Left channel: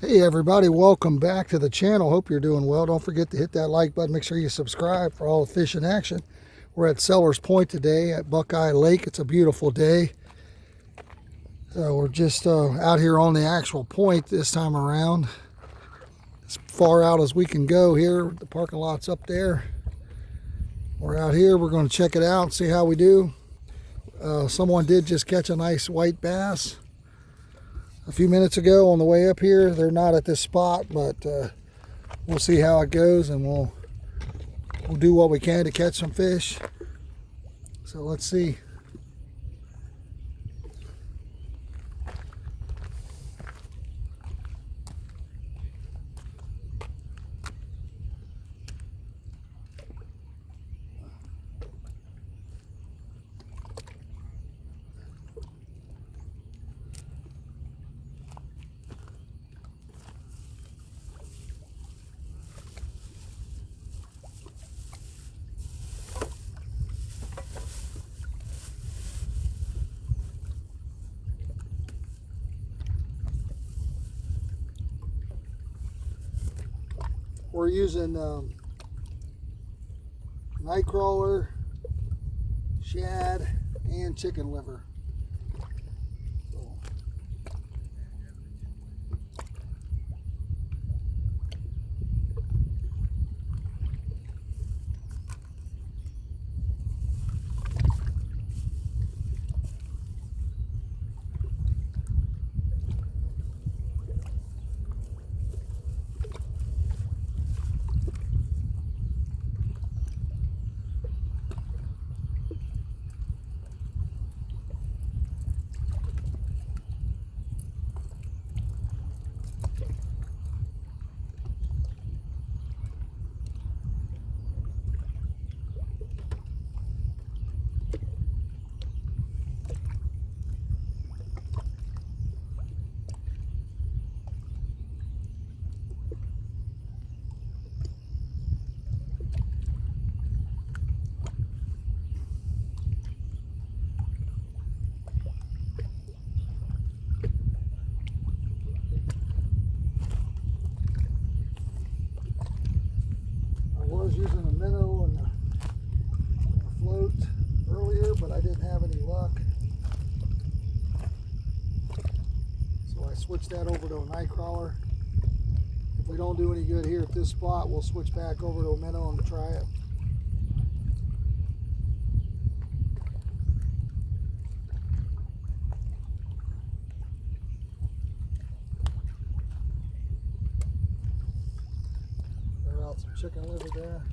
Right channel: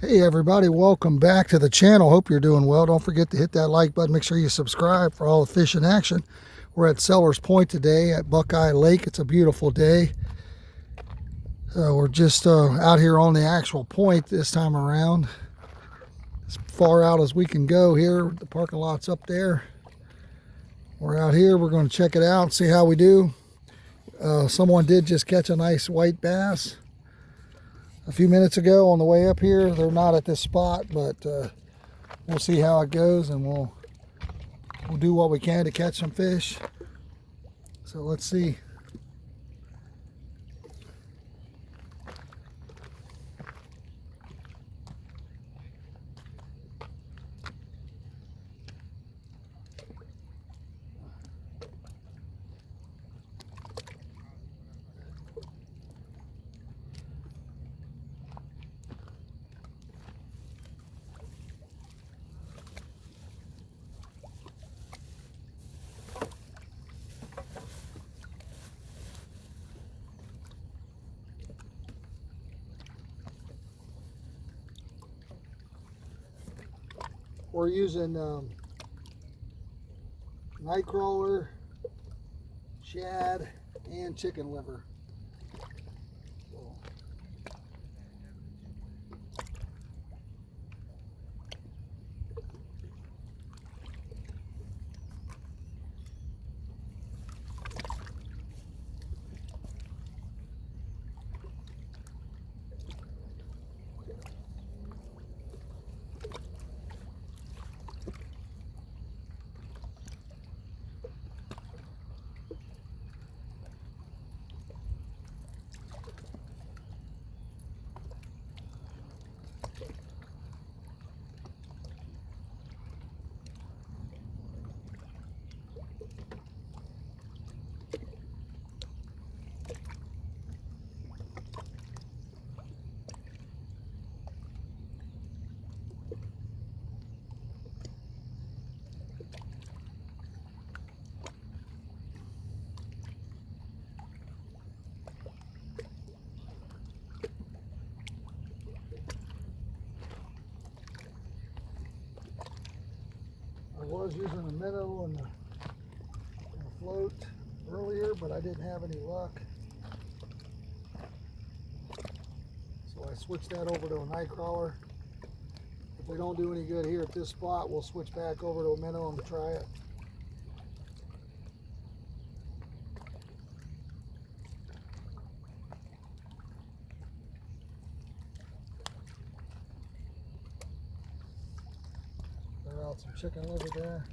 Hey everybody, welcome back to the channel. Hope you're doing well. Don't forget to hit that like button. Make sure you subscribe for all the fishing action. We're at Sellers Point today at Buckeye Lake. It's a beautiful day. We're just out here on the actual point this time around. As far out as we can go here. The parking lot's up there. We're out here. We're going to check it out and see how we do. Someone did just catch a nice white bass a few minutes ago on the way up here. They're not at this spot, but we'll see how it goes, and we'll do what we can to catch some fish. So let's see. We're using night crawler, shad, and chicken liver. I was using a minnow and a float earlier, but I didn't have any luck. So I switched that over to a night crawler. If we don't do any good here at this spot, we'll switch back over to a minnow and try it. Throw out some chicken liver there.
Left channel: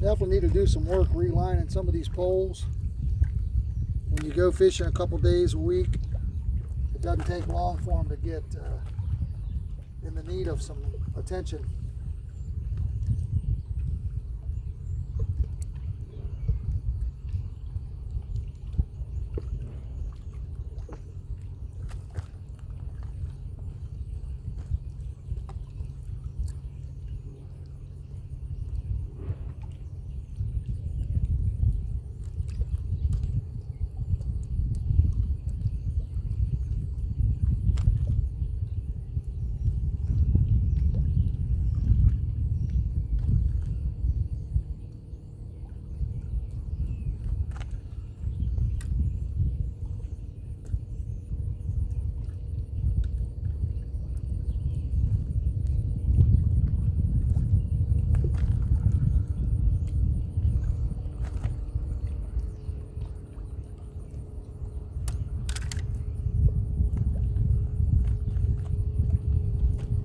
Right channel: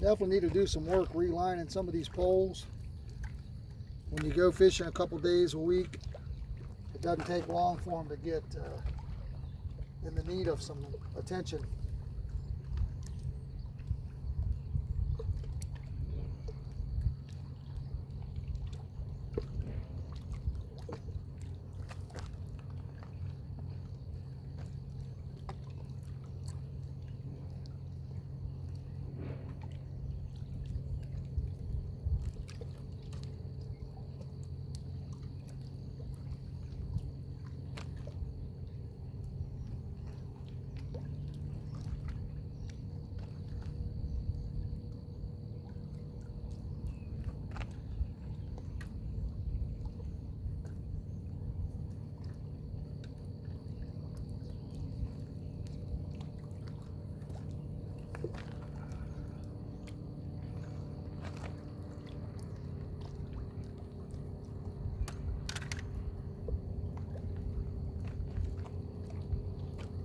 Definitely need to do some work relining some of these poles. When you go fishing a couple days a week, it doesn't take long for them to get in the need of some attention.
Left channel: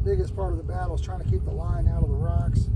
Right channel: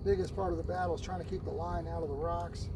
Biggest part of the battle is trying to keep the line out of the rocks.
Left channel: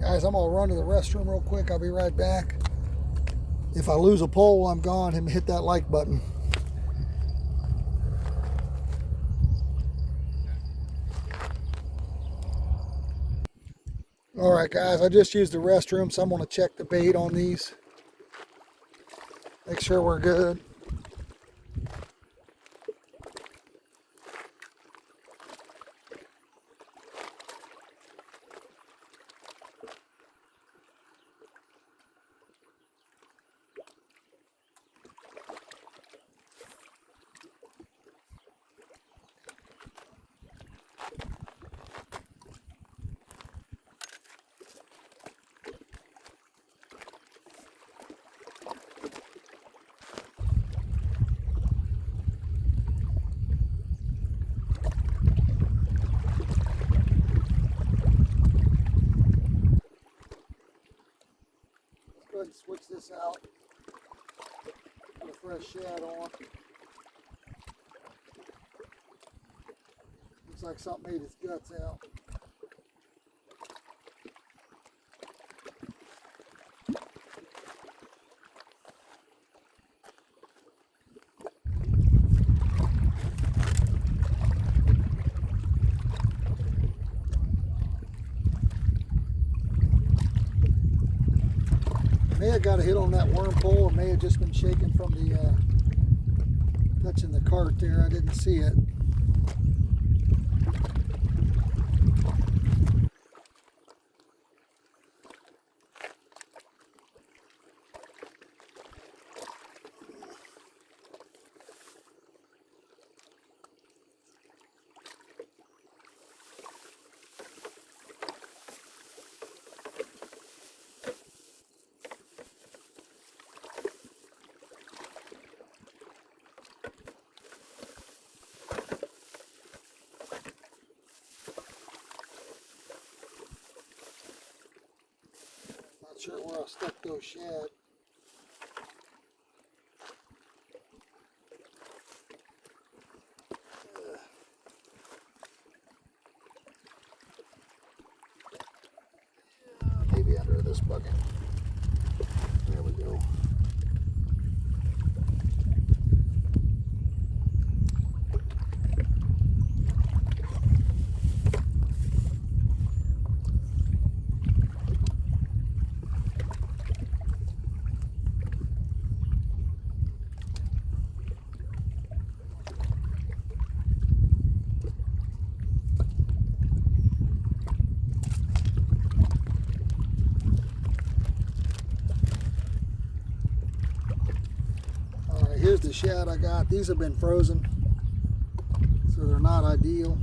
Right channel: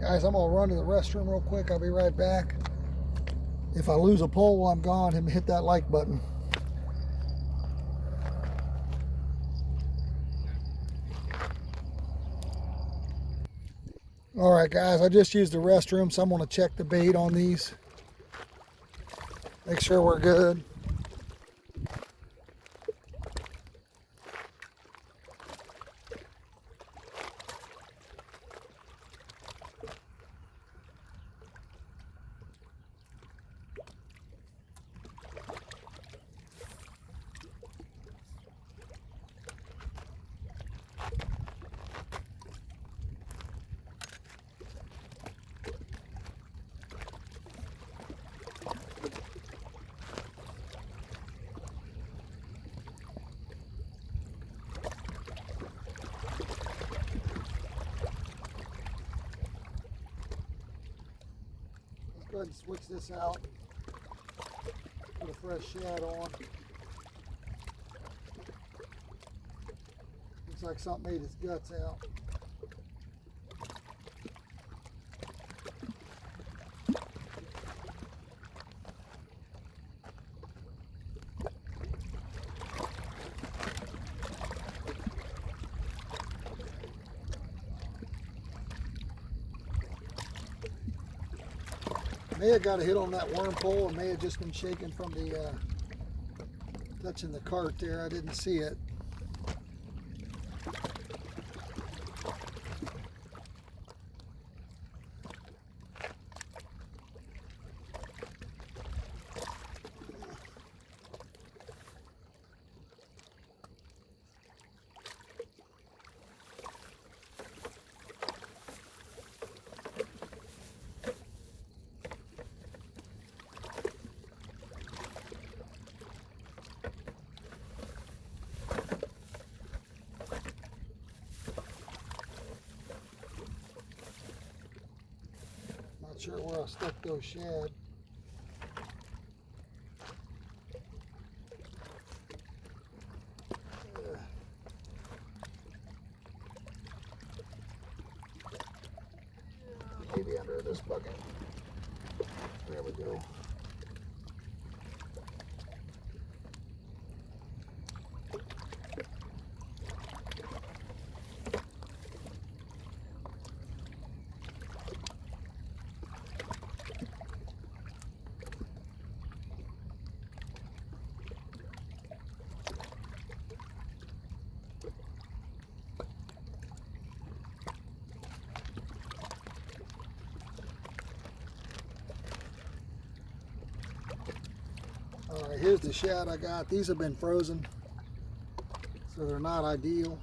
Guys, I'm gonna run to the restroom real quick. I'll be right back. If I lose a pole while I'm gone, hit that like button. All right, guys, I just used the restroom, so I'm gonna check the bait on these. Make sure we're good. Go ahead and switch this out. Put a fresh shad on. Looks like something ate its guts out. May have got a hit on that worm pole, and may have just been shaken from the touching the cart there. I didn't see it. Not sure where I stuck those shad. Maybe under this bucket. There we go. Here's the shad I got. These have been frozen, so they're not ideal.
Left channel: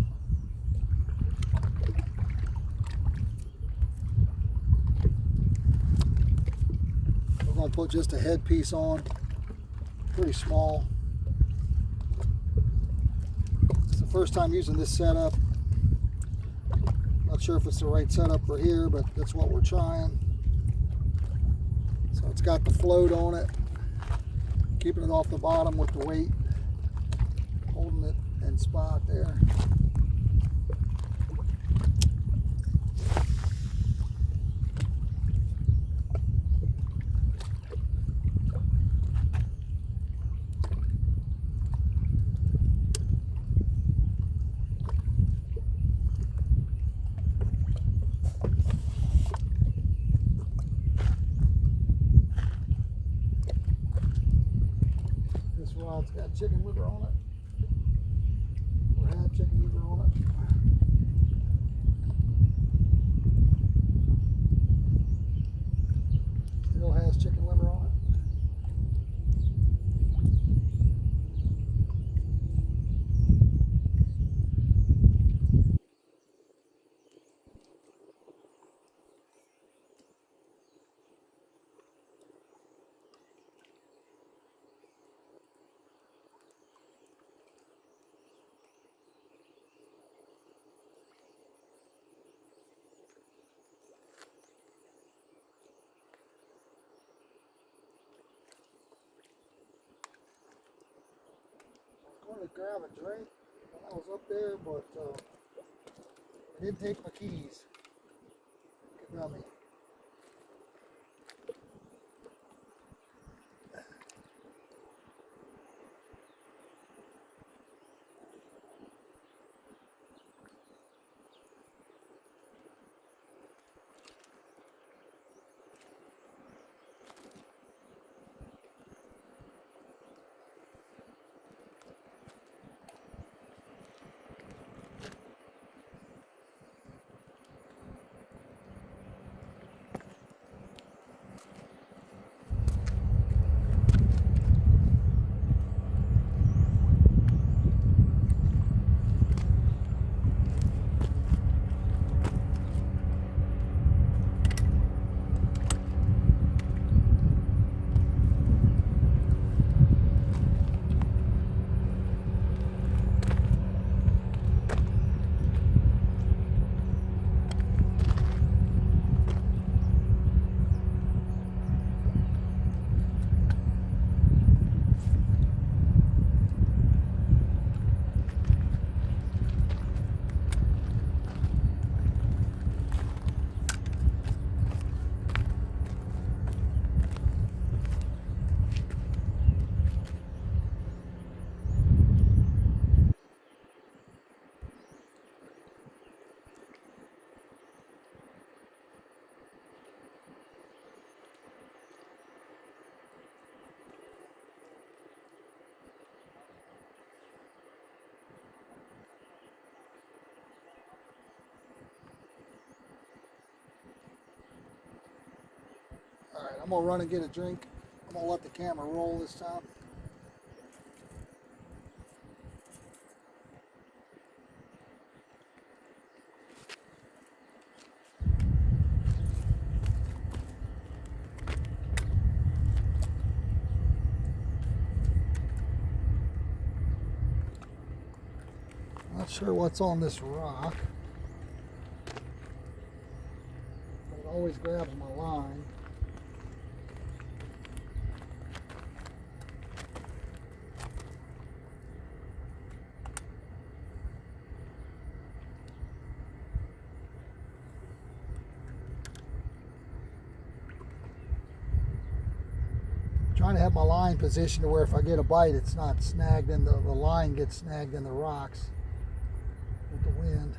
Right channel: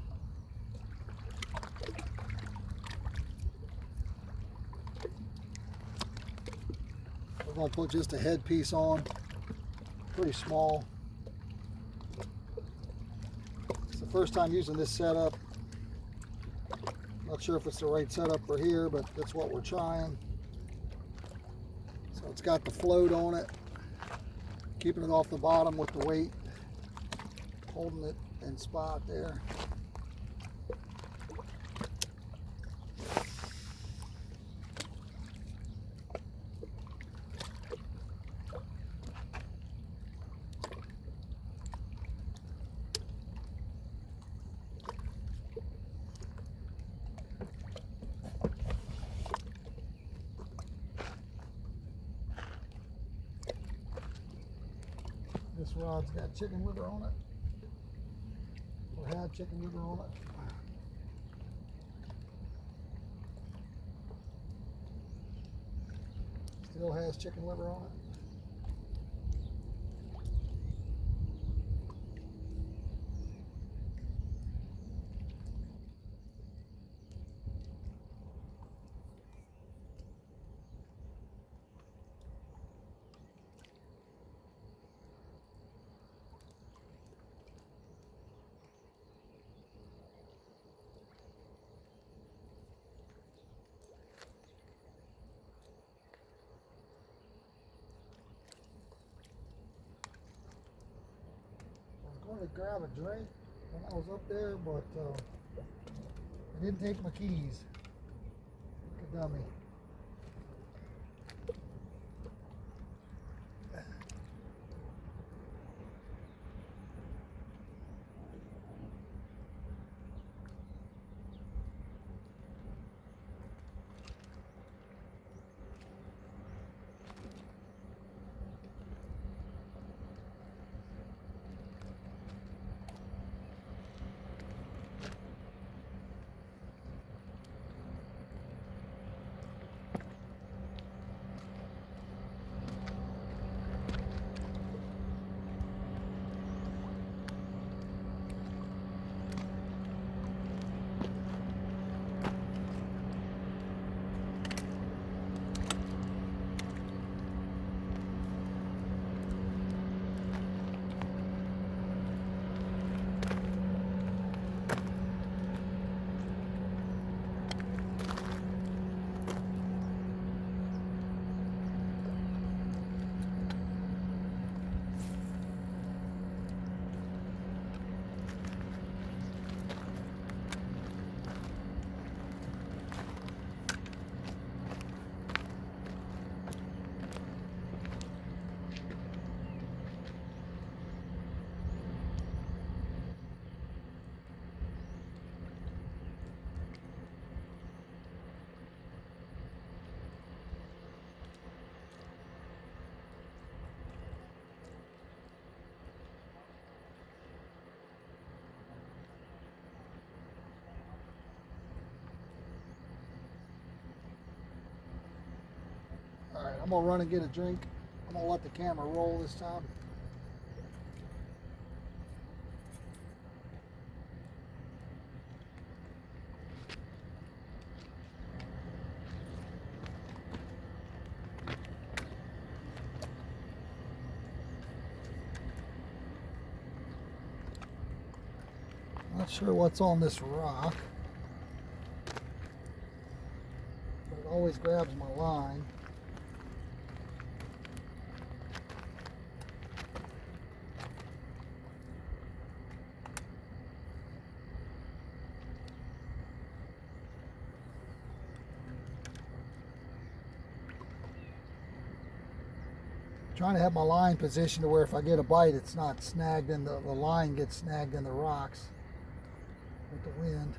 We're going to put just a headpiece on, pretty small. It's the first time using this setup. Not sure if it's the right setup for here, but that's what we're trying. So it's got the float on it, keeping it off the bottom with the weight, holding it in spot there. This rod's got chicken liver on it, or had chicken liver on it. Still has chicken liver on it. I was going to grab a drink when I was up there, but I didn't take my keys. Like a dummy. I'm gonna run and get a drink. I'm gonna let the camera roll this time. Not sure what's on this rock, but it always grabs my line. Trying to have my line positioned to where if I get a bite, it's not snagged in the line gets snagged in the rocks with the wind.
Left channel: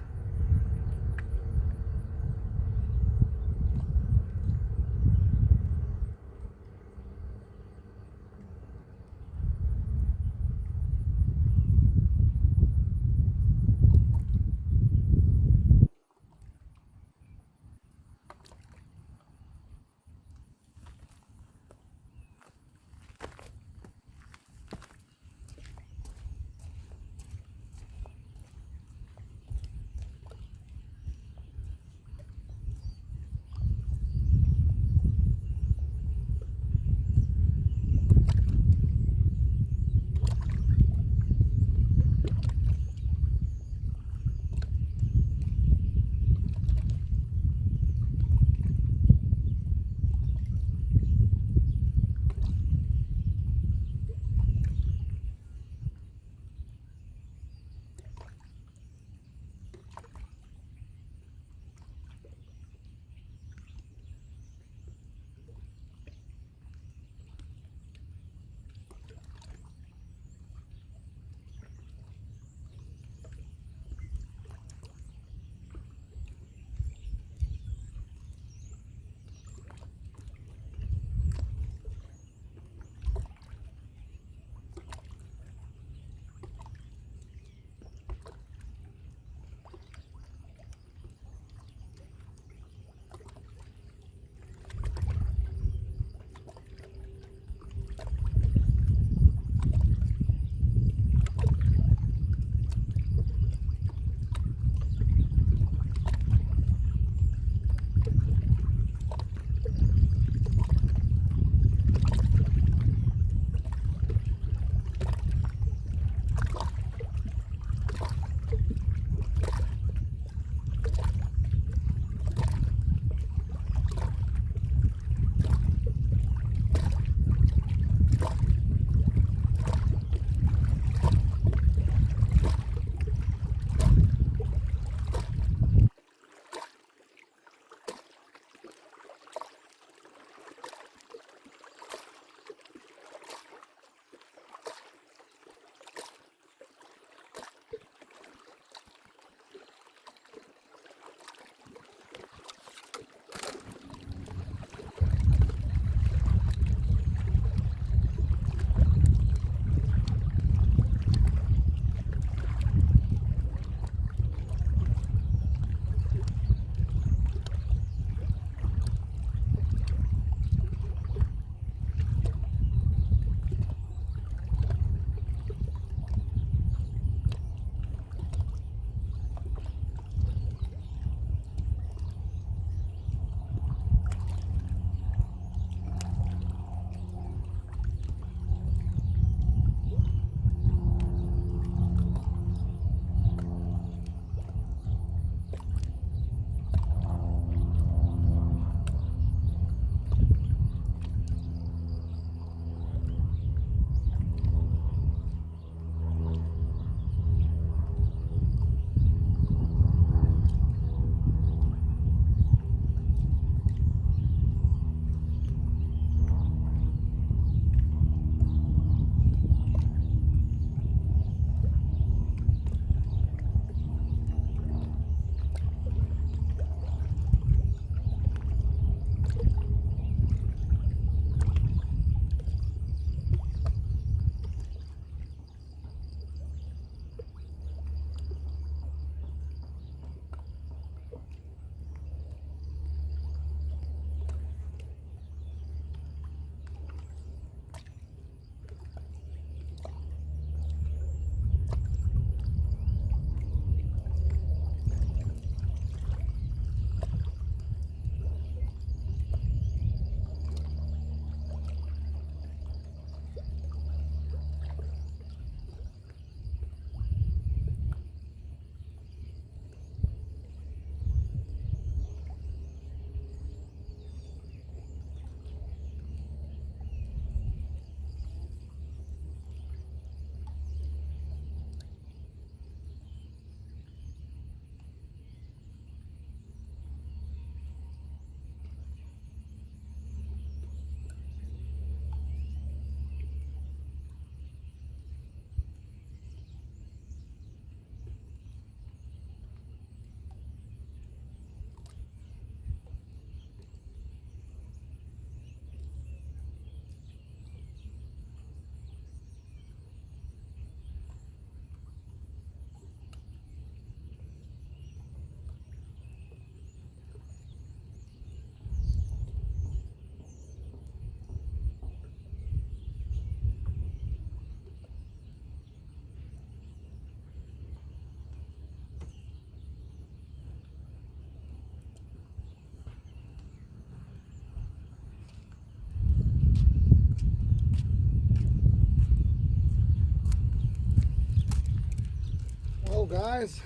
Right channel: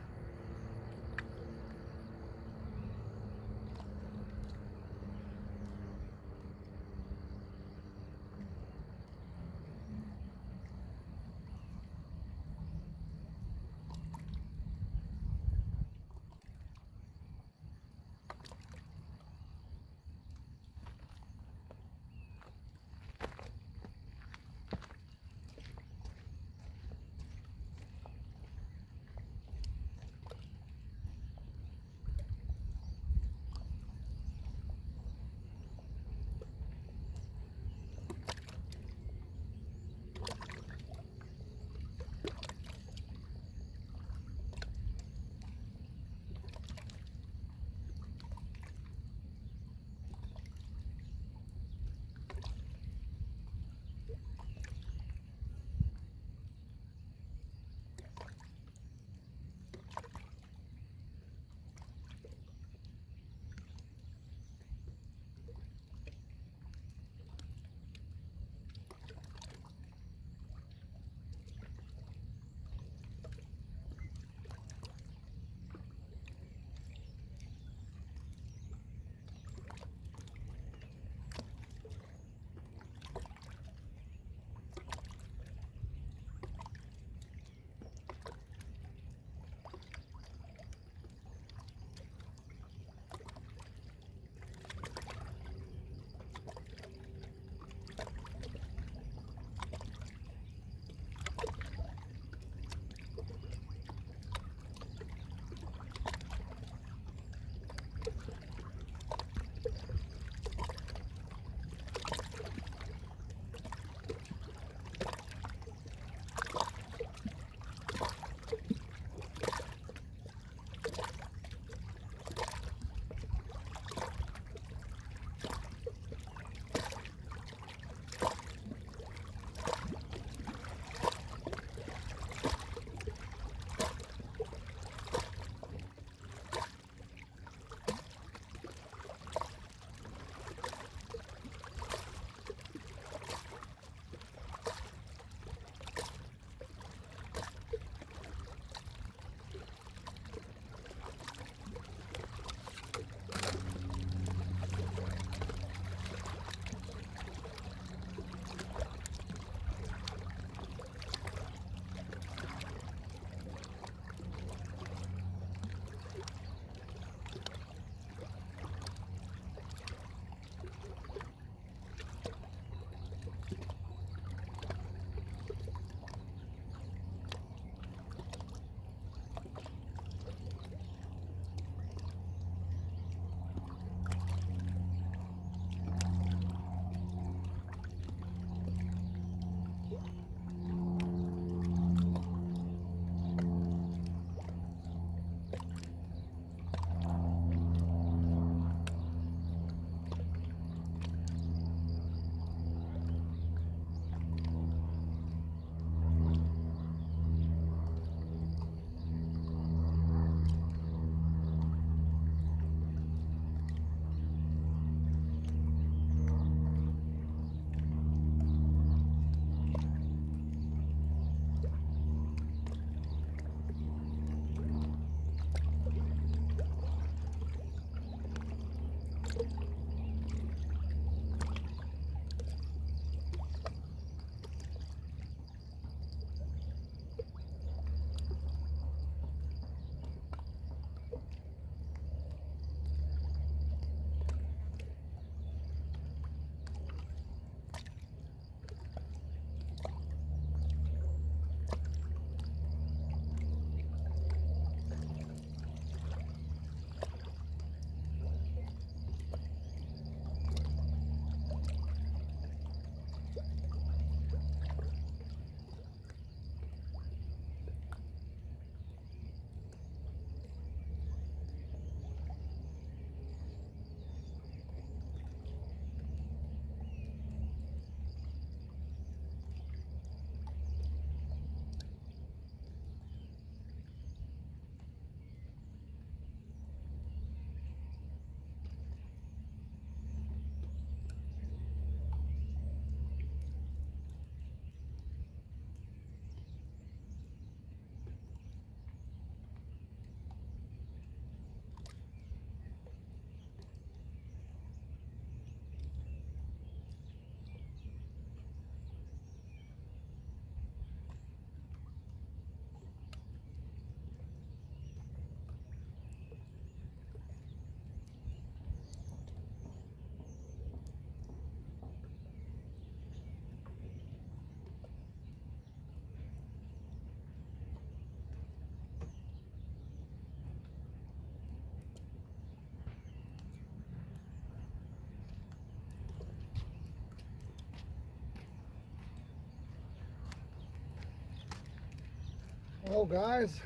Well, guys,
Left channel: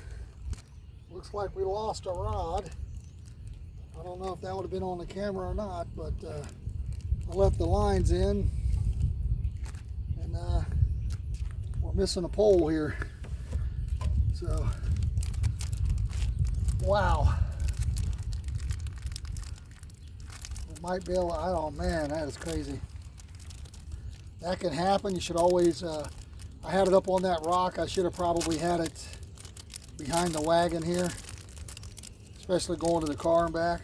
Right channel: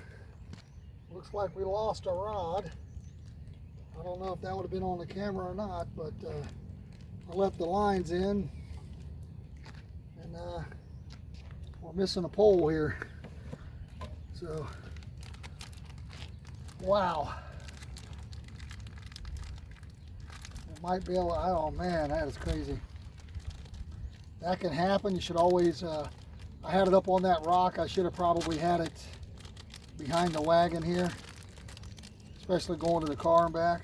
looks like we lost a rod. I don't know if that would have been on the camera or not, but I left the lines in, and we're missing a pole here. So, wow. It might be able to, oh man, that is crazy. That can happen. You should always, I had it up on that rock. I should have probably had it behind the wagon here, especially going to the car and back.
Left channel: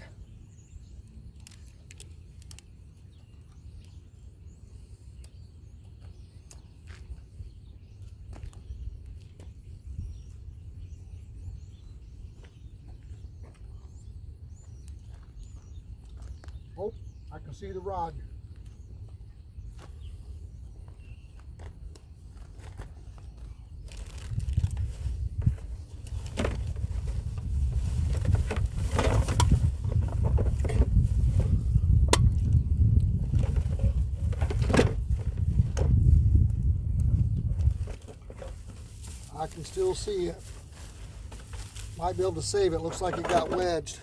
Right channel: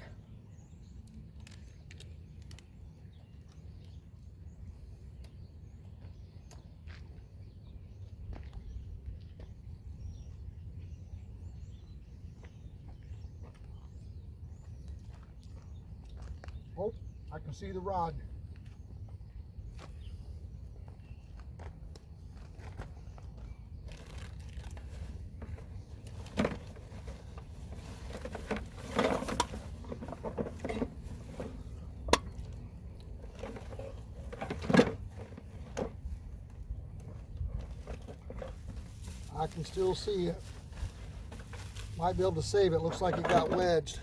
Oh, I can see the rod. I can still see it. Might be able to save it. Looks like it got wedged.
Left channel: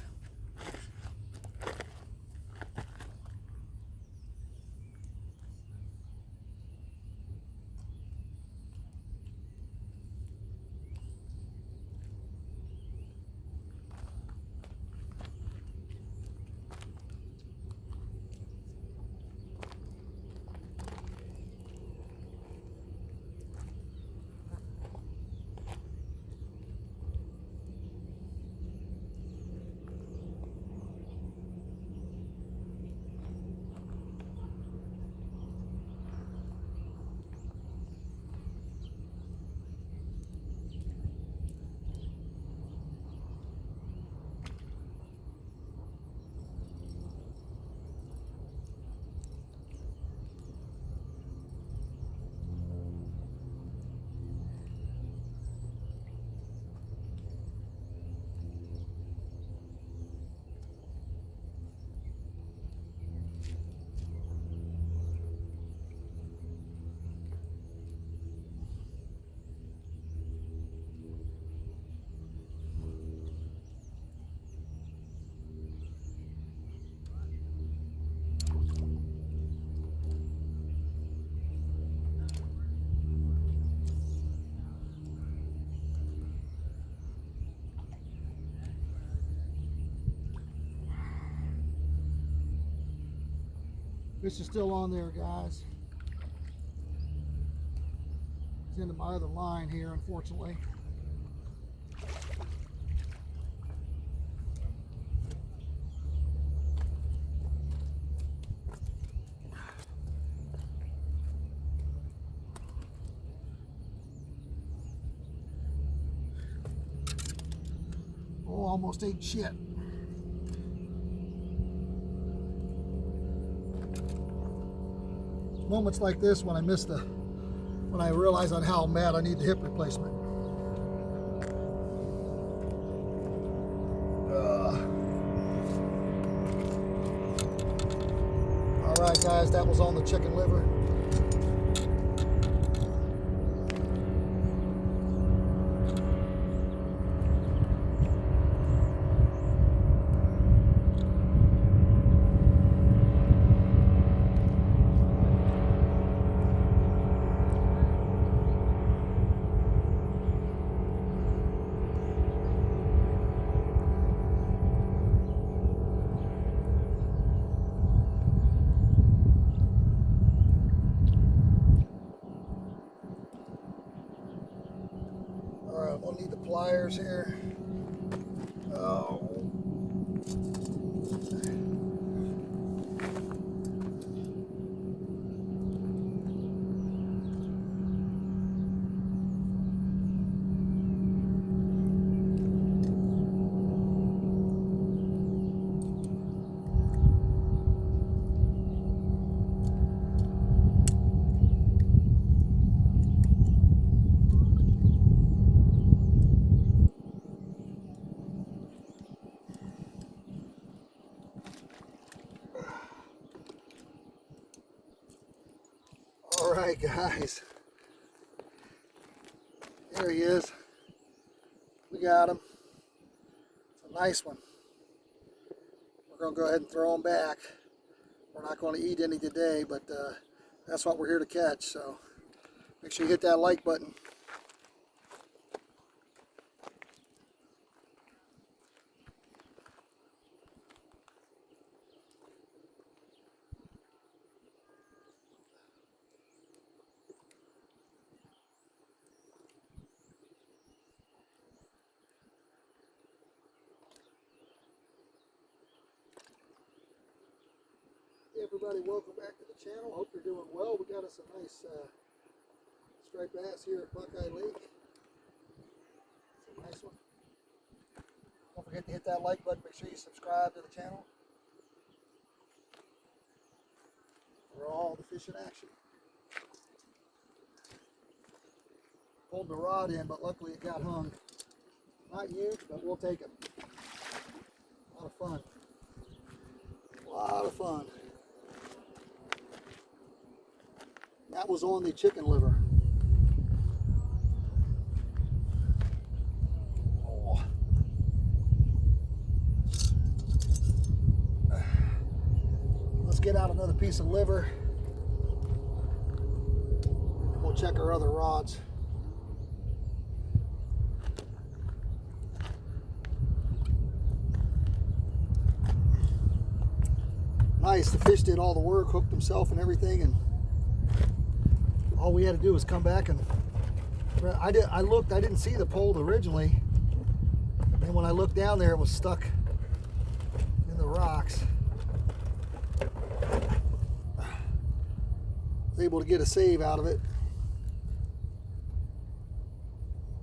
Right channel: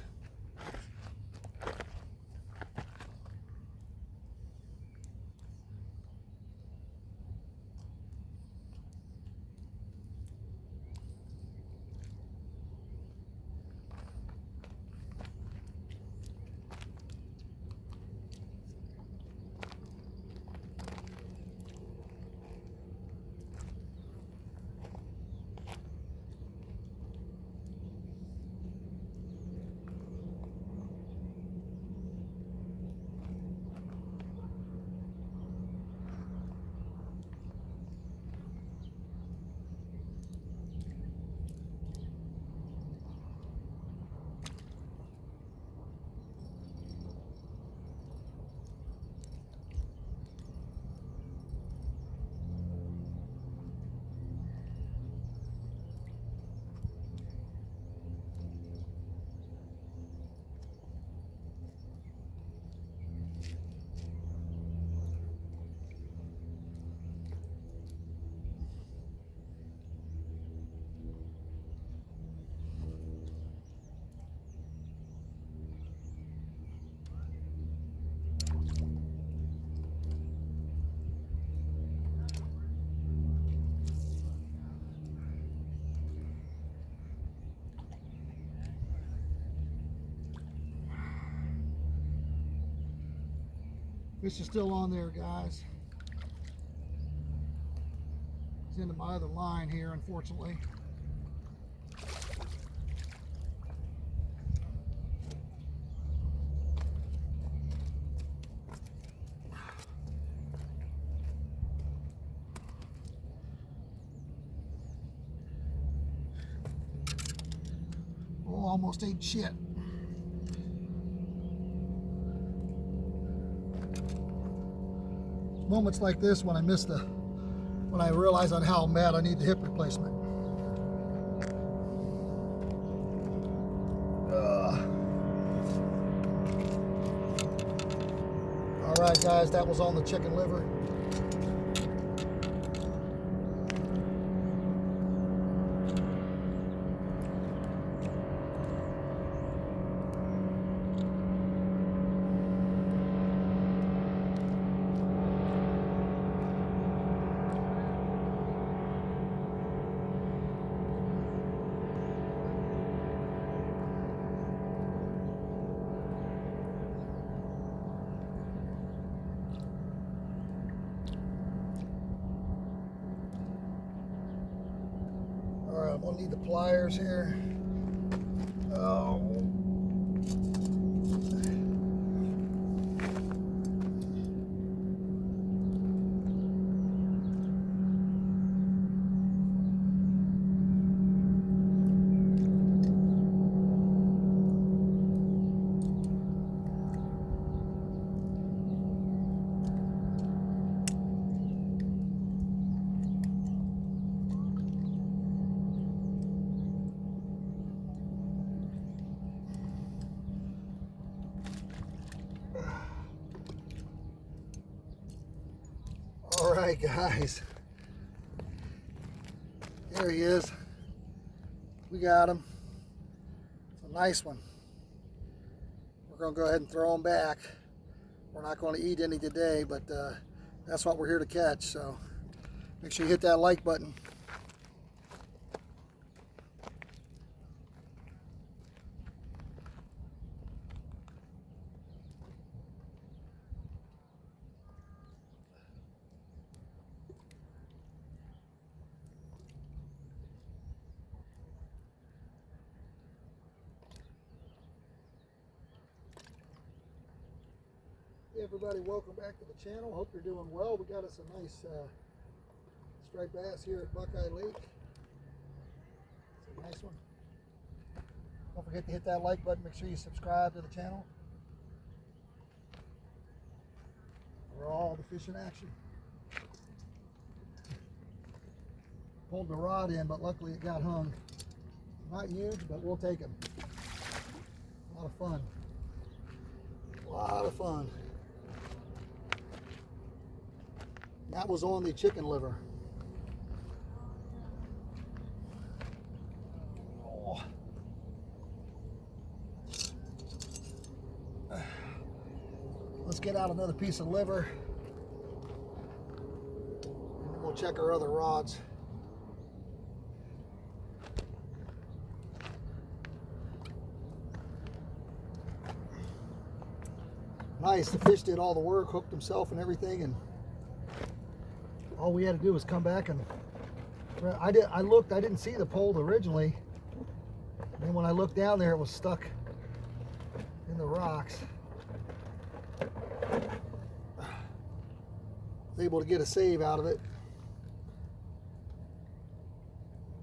This is still on there, guys. It's into my other line here, unfortunately. Oh, almost ate shit. Moments like this when I realize on how bad I need the hip replacement. All right, guys, that was on the chicken liver. I'm gonna need the pliers here. Oh. All right, guys. There he is. We got him. It's a nice one. We're going to go ahead and throw them back. We're not going to eat any today, but that's what we're here to catch. So make sure you hit that like button. Hey everybody, welcome back to the channel. Hope you're doing well. We got us a nice striped bass here at Buckeye Lake. It's a nice one. Don't forget to hit that like button. Make sure you subscribe to the channel for all the fishing action. Pulled the rod in, but luckily it got hung. Not huge, but we'll take them. A lot of fun. A lot of fun. That was on the chicken liver. Oh. Let's get out another piece of liver, and then we'll check our other rods. Nice, the fish did all the work, hooked himself and everything, and all we had to do was come back and I looked, I didn't see the pole originally, and when I looked down there it was stuck in the rocks. Was able to get a save out of it.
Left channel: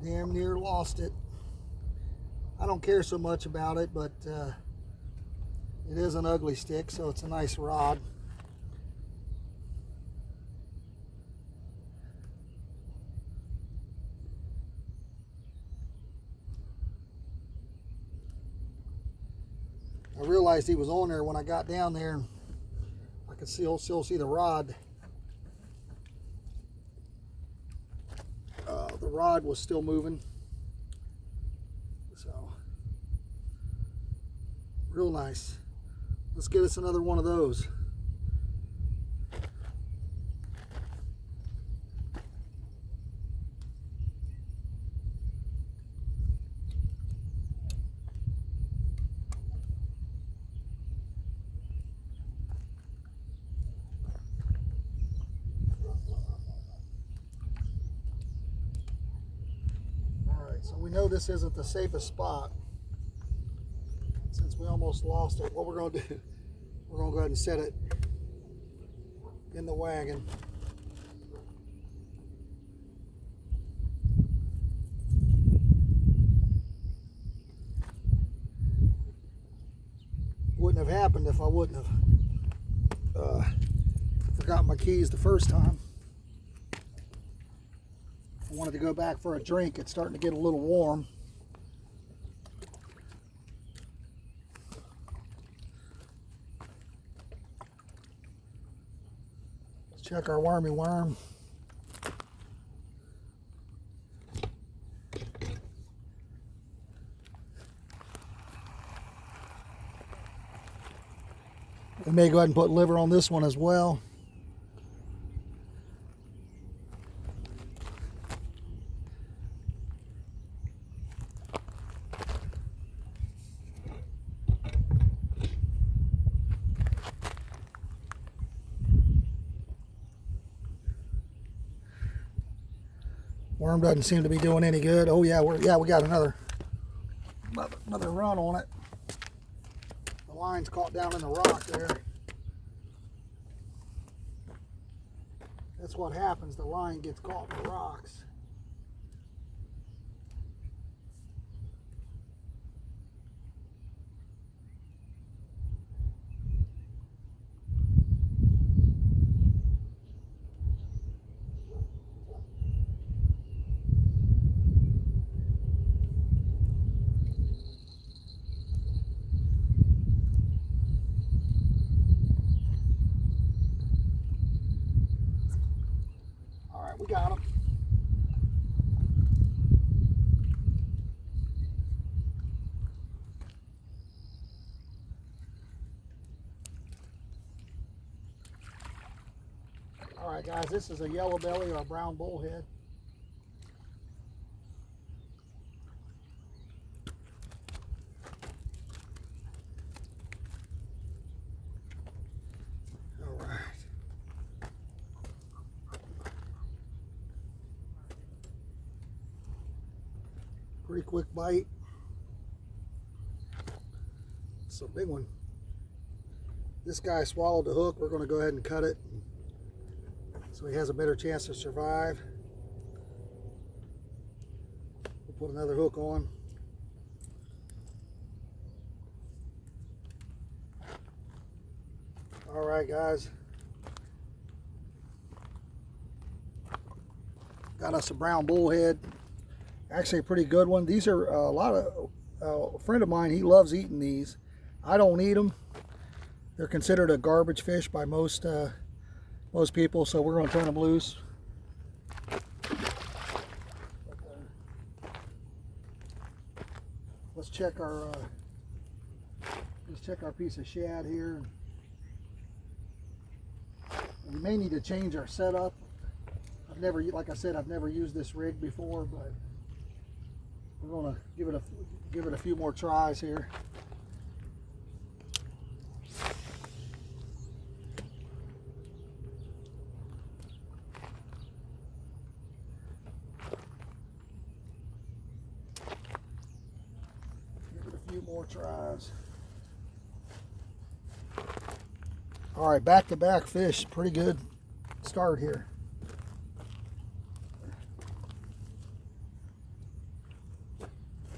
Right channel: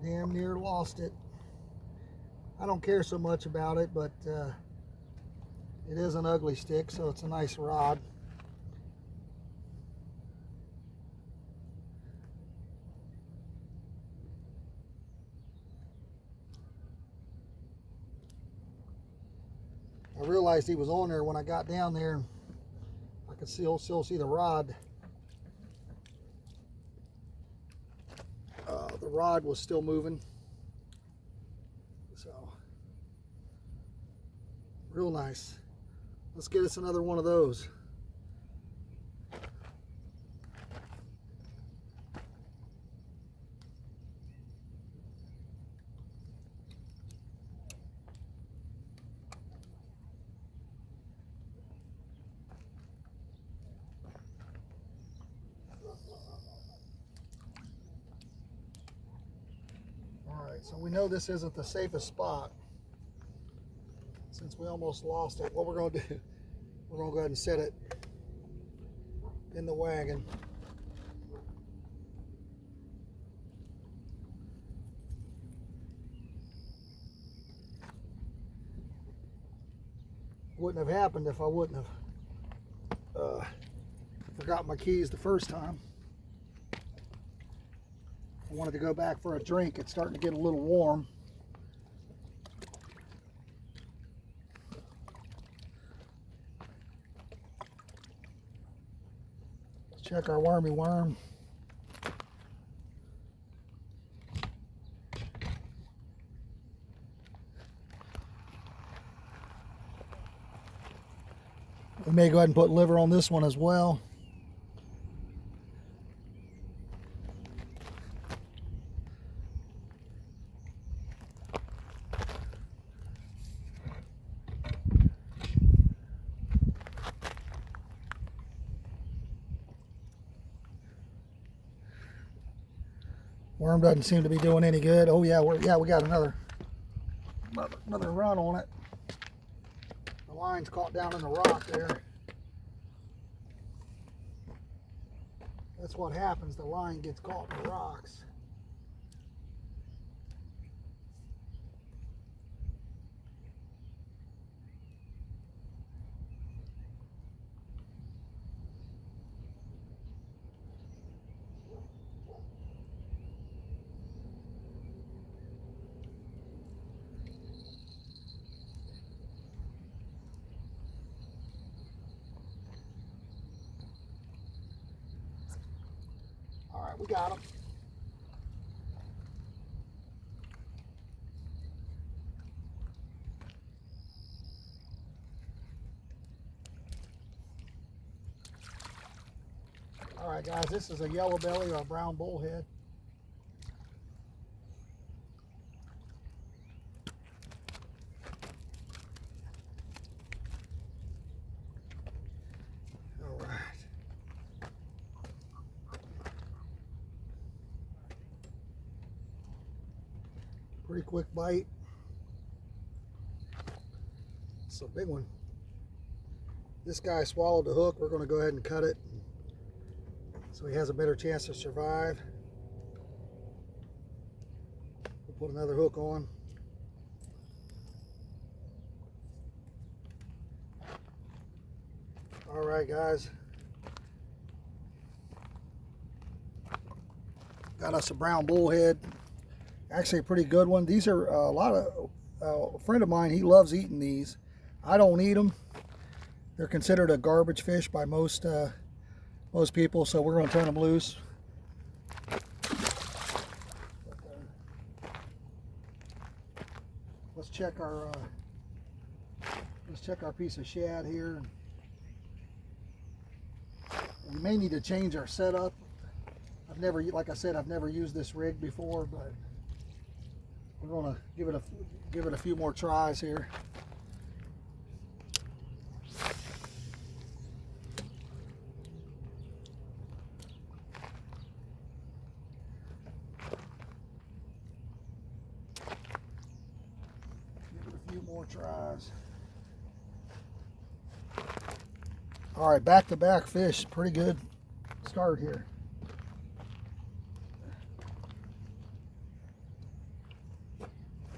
Damn near lost it. I don't care so much about it, but it is an ugly stick, so it's a nice rod. I realized he was on there when I got down there, and I could still see the rod. The rod was still moving, so real nice. Let's get us another one of those. So we know this isn't the safest spot since we almost lost it. What we're going to do, we're going to go ahead and set it in the wagon. Wouldn't have happened if I wouldn't have forgot my keys the first time. I wanted to go back for a drink. It's starting to get a little warm. Let's check our wormy worm. We may go ahead and put liver on this one as well. Worm doesn't seem to be doing any good. Oh yeah, we got another run on it. The line's caught down in the rock there. That's what happens. The line gets caught in the rocks. We got him. All right, guys, this is a yellow belly or a brown bullhead. All right. Pretty quick bite. It's a big one. This guy swallowed the hook. We're going to go ahead and cut it so he has a better chance to survive. We'll put another hook on. All right, guys. Got us a brown bullhead. Actually a pretty good one. These are a lot of, a friend of mine, he loves eating these. I don't eat them. They're considered a garbage fish by most people, so we're going to turn them loose. Let's check our piece of shad here. We may need to change our setup. Like I said, I've never used this rig before, but we're going to give it a few more tries here. More tries. All right, back-to-back fish. Pretty good start here.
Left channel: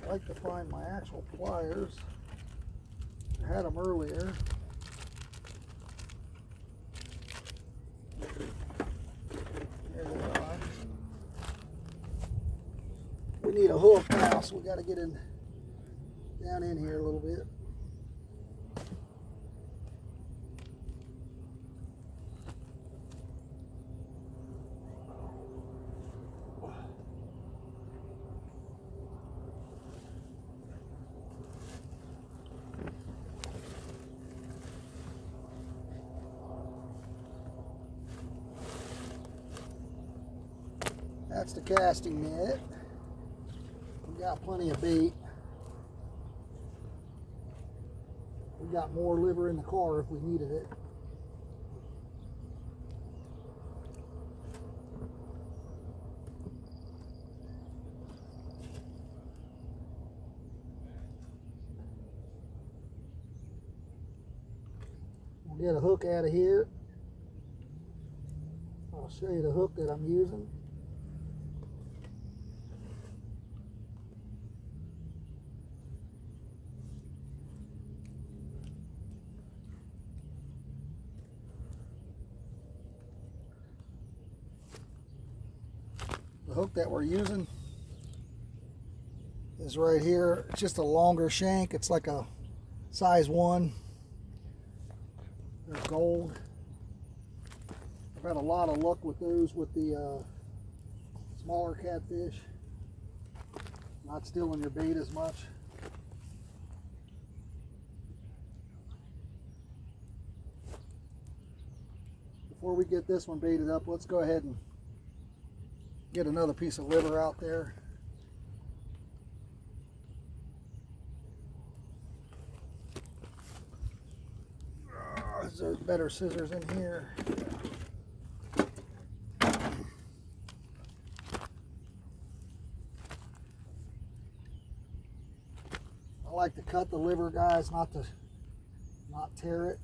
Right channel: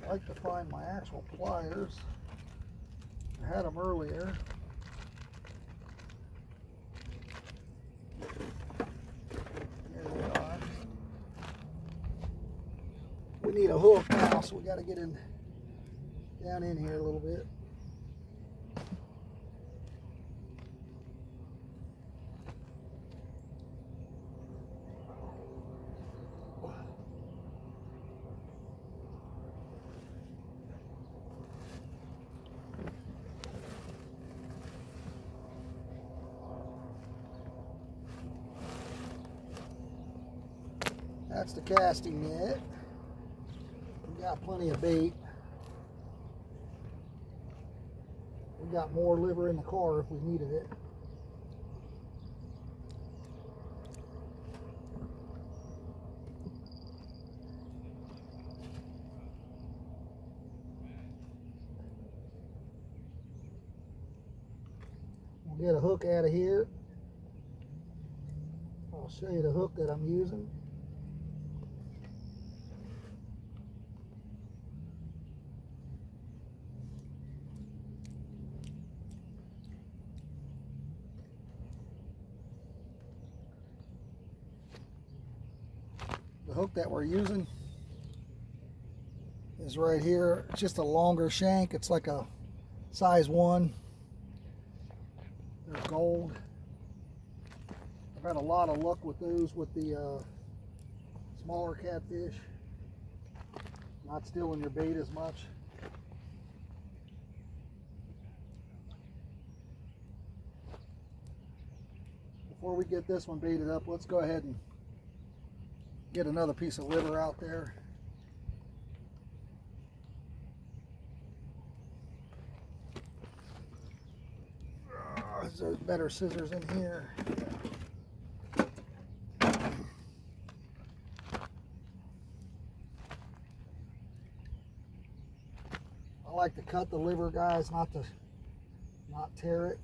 I like to find my actual pliers. I had them earlier. Here we are. We need a hook now, so we got to get in down in here a little bit. That's the casting net. We got plenty of bait. We got more liver in the car if we needed it. We'll get a hook out of here. I'll show you the hook that I'm using. The hook that we're using is right here. It's just a longer shank. It's like a size 1. They're gold. I've had a lot of luck with those with the smaller catfish. Not stealing your bait as much. Before we get this one baited up, let's go ahead and get another piece of liver out there. Is there better scissors in here? I like to cut the liver, guys, not tear it.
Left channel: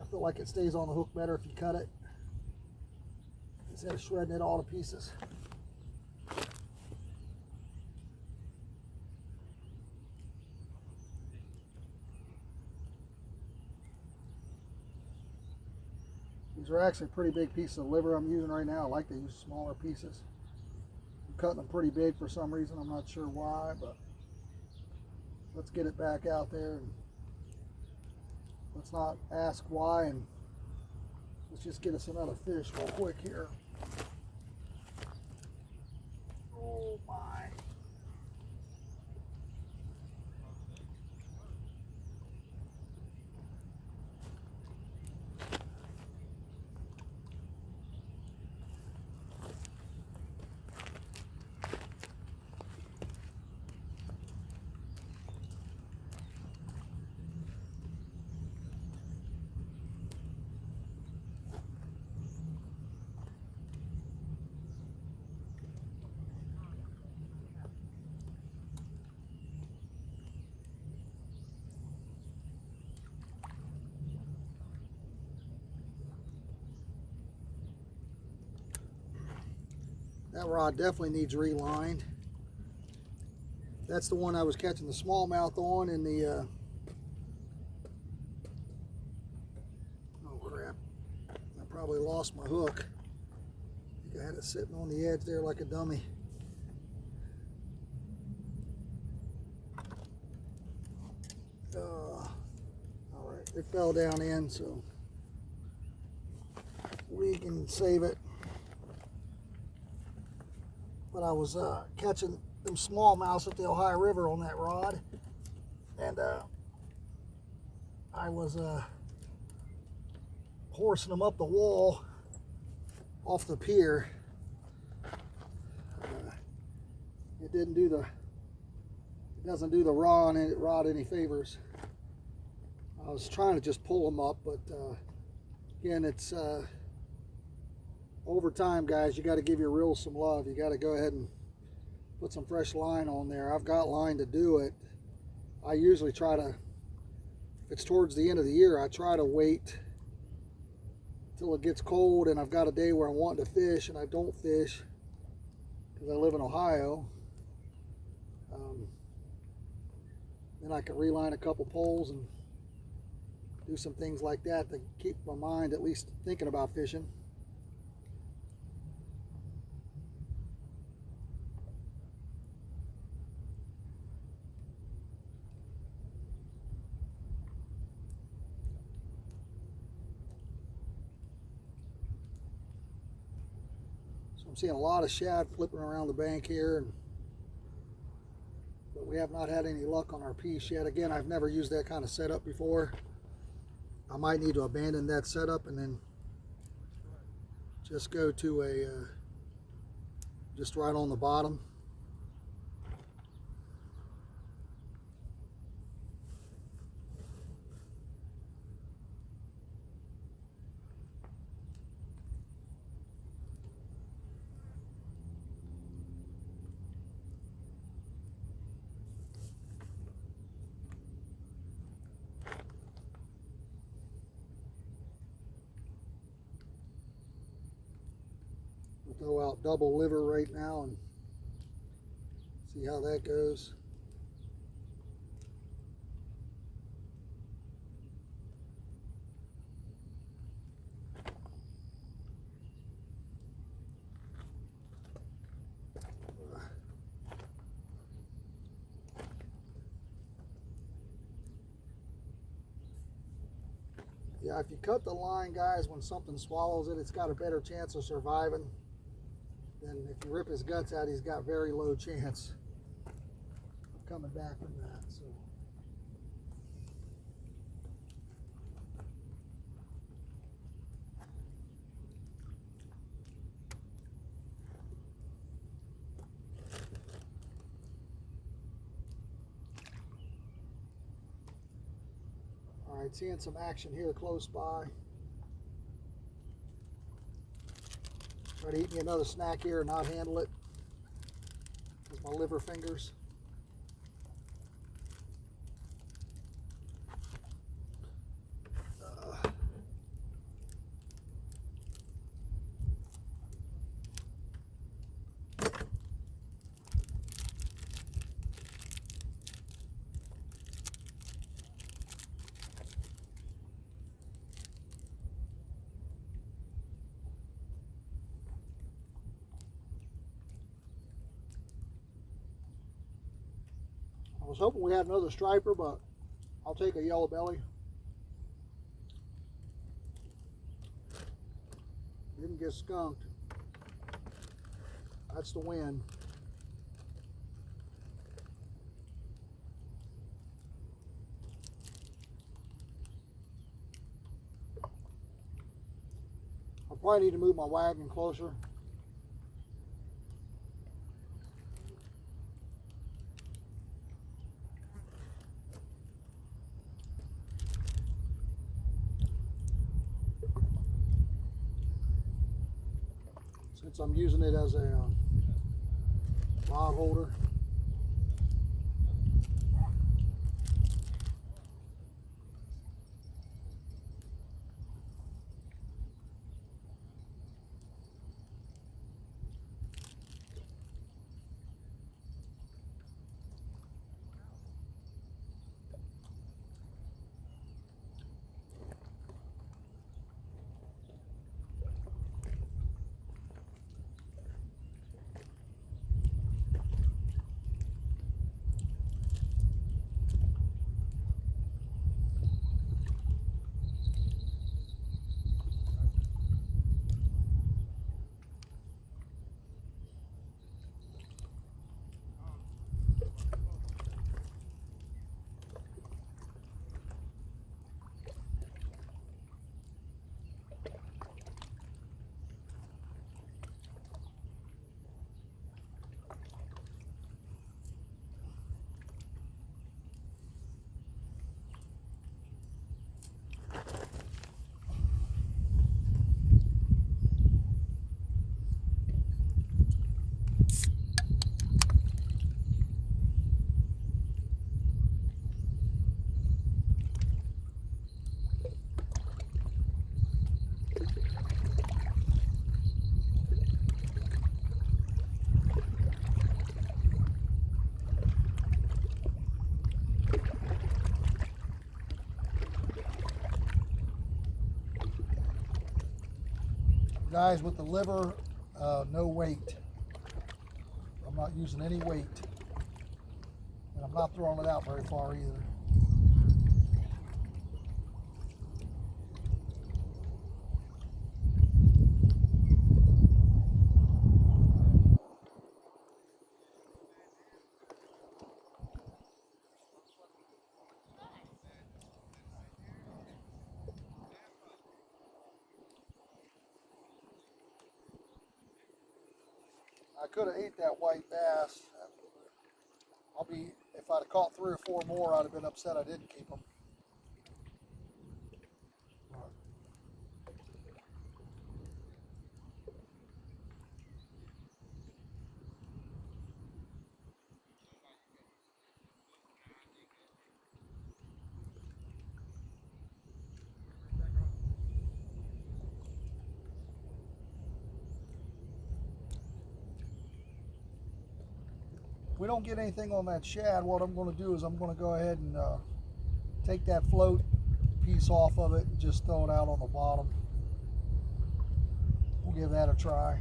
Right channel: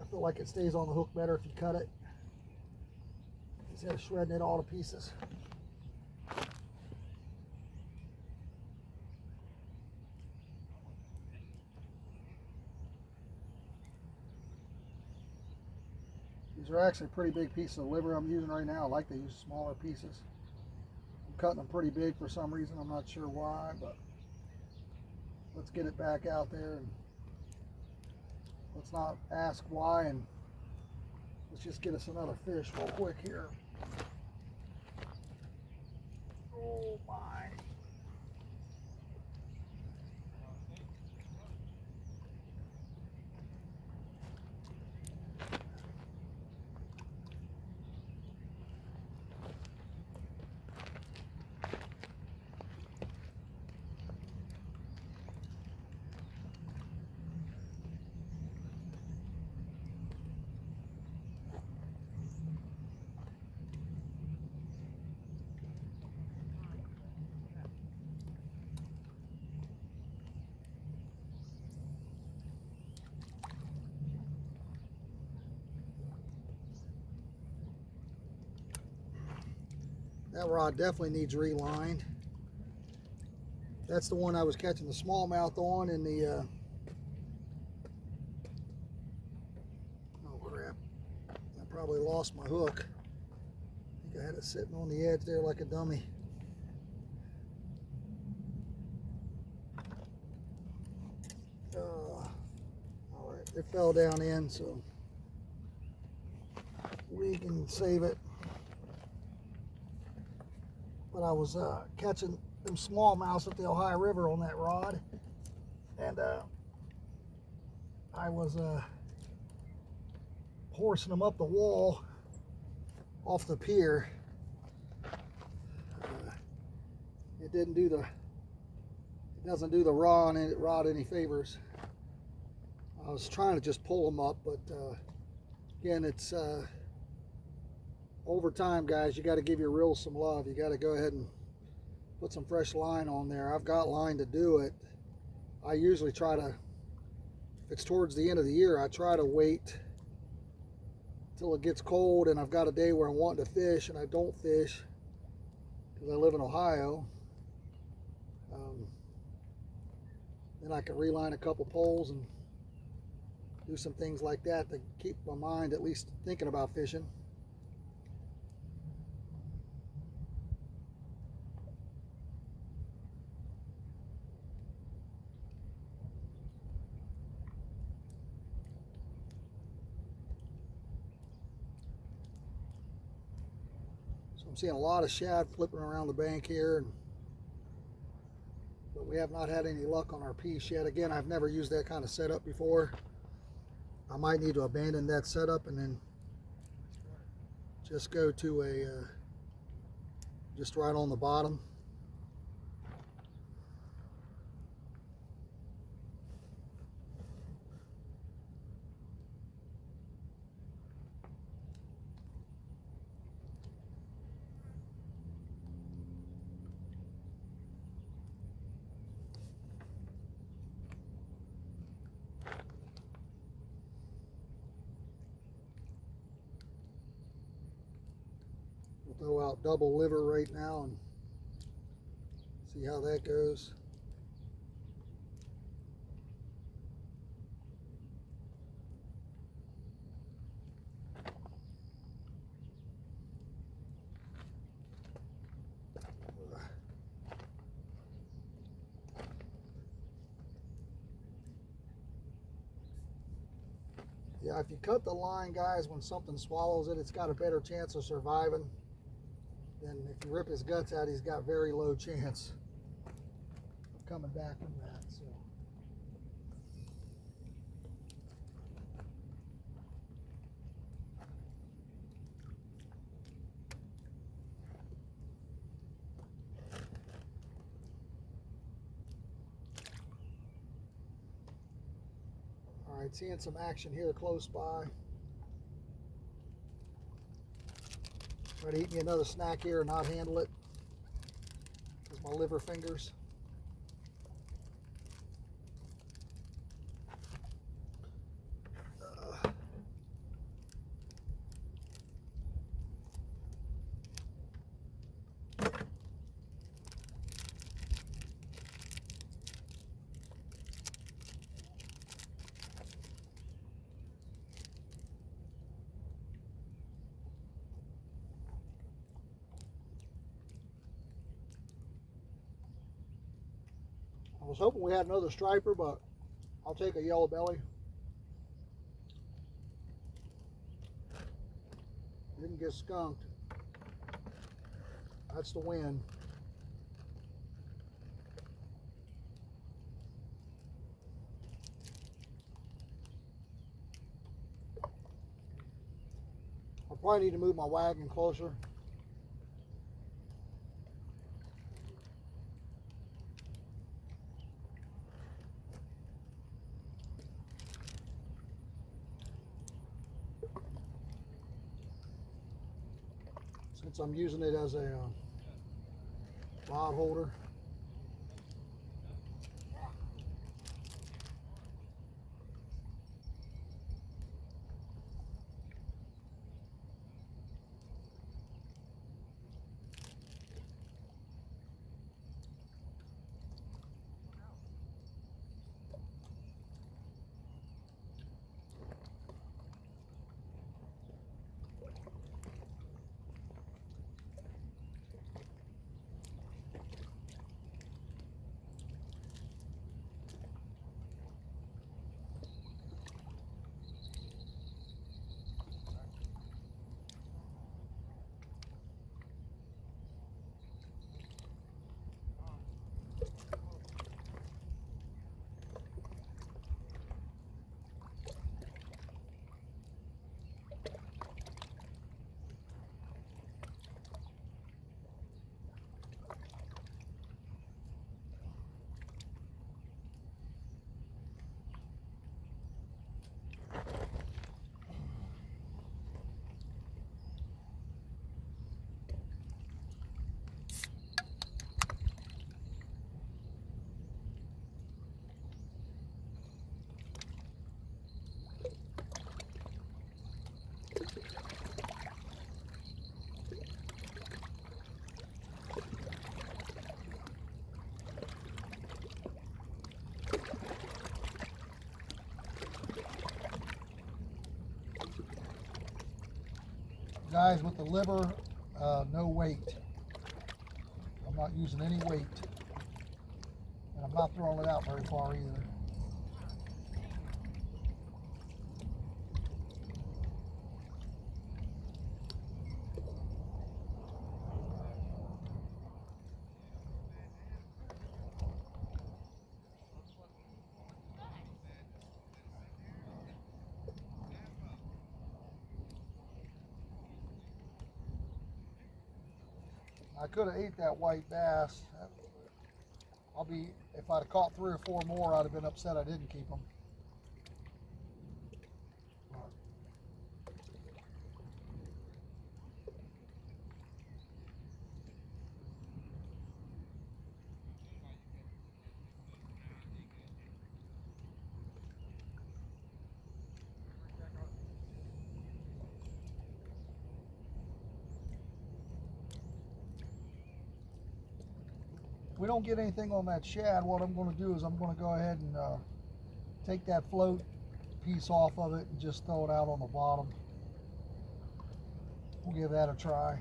I feel like it stays on the hook better if you cut it instead of shredding it all to pieces. These are actually pretty big pieces of liver I'm using right now. I like to use smaller pieces. I'm cutting them pretty big for some reason. I'm not sure why, but let's get it back out there and let's not ask why, and let's just get us another fish real quick here. Oh my. That rod definitely needs relined. That's the one I was catching the smallmouth on in the oh crap, I probably lost my hook. I think I had it sitting on the edge there like a dummy. Alright, it fell down in, so we can save it. But I was catching them smallmouths at the Ohio River on that rod, and I was horsing them up the wall off the pier. It doesn't do the rod any favors. I was trying to just pull them up, but again, it's over time, guys. You got to give your reels some love. You got to go ahead and put some fresh line on there. I've got line to do it. I usually try to, if it's towards the end of the year, I try to wait till it gets cold and I've got a day where I'm wanting to fish and I don't fish because I live in Ohio. Then I can reline a couple poles and do some things like that to keep my mind at least thinking about fishing. So I'm seeing a lot of shad flipping around the bank here, but we have not had any luck on our piece yet. Again, I've never used that kind of setup before. I might need to abandon that setup and then just go to a just right on the bottom. We'll throw out double liver right now and see how that goes. Yeah, if you cut the line, guys, when something swallows it, it's got a better chance of surviving than if you rip his guts out. He's got very low chance of coming back from that. So all right, seeing some action here close by. Try to eat me another snack here and not handle it with my liver fingers. I was hoping we had another striper, but I'll take a yellow belly. Didn't get skunked. That's the wind. I'll probably need to move my wagon closer. Since I'm using it as a rod holder. Guys, with the liver, no weight. I'm not using any weight. And I'm not throwing it out very far either. I could have ate that white bass. If I'd have caught 3 or 4 more, I'd have been upset I didn't keep them. If we don't get anything on that shad, what I'm going to do is I'm going to go ahead and take that float piece off of it and just throw it out on the bottom. We'll give that a try.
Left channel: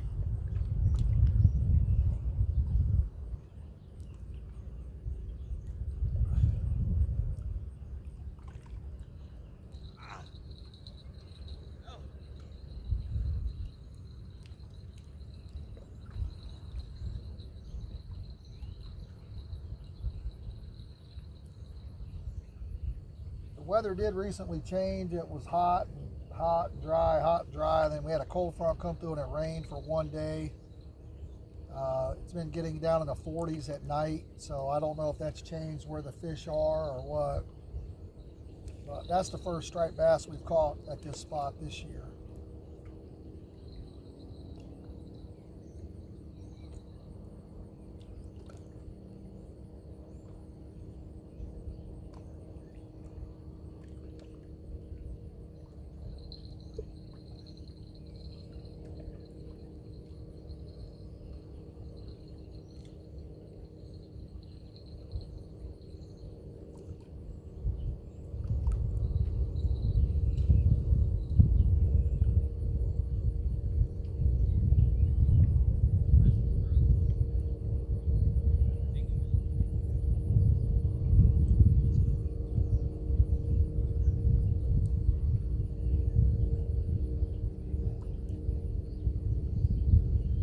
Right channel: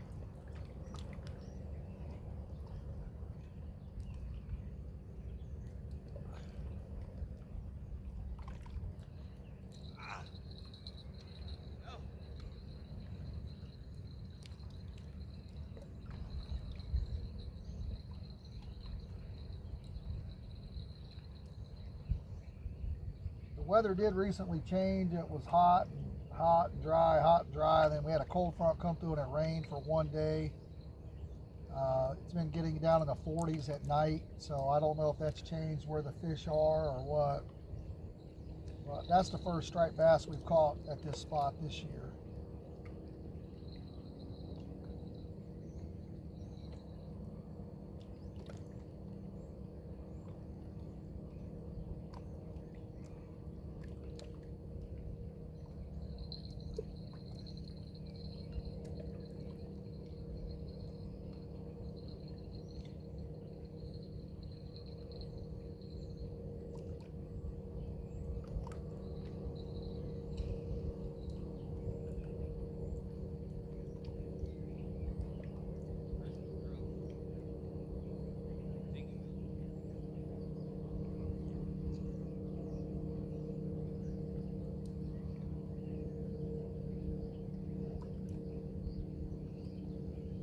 The weather did recently change. It was hot and dry. Then we had a cold front come through and it rained for one day. It's been getting down in the 40s at night, so I don't know if that's changed where the fish are or what. But that's the first striped bass we've caught at this spot this year.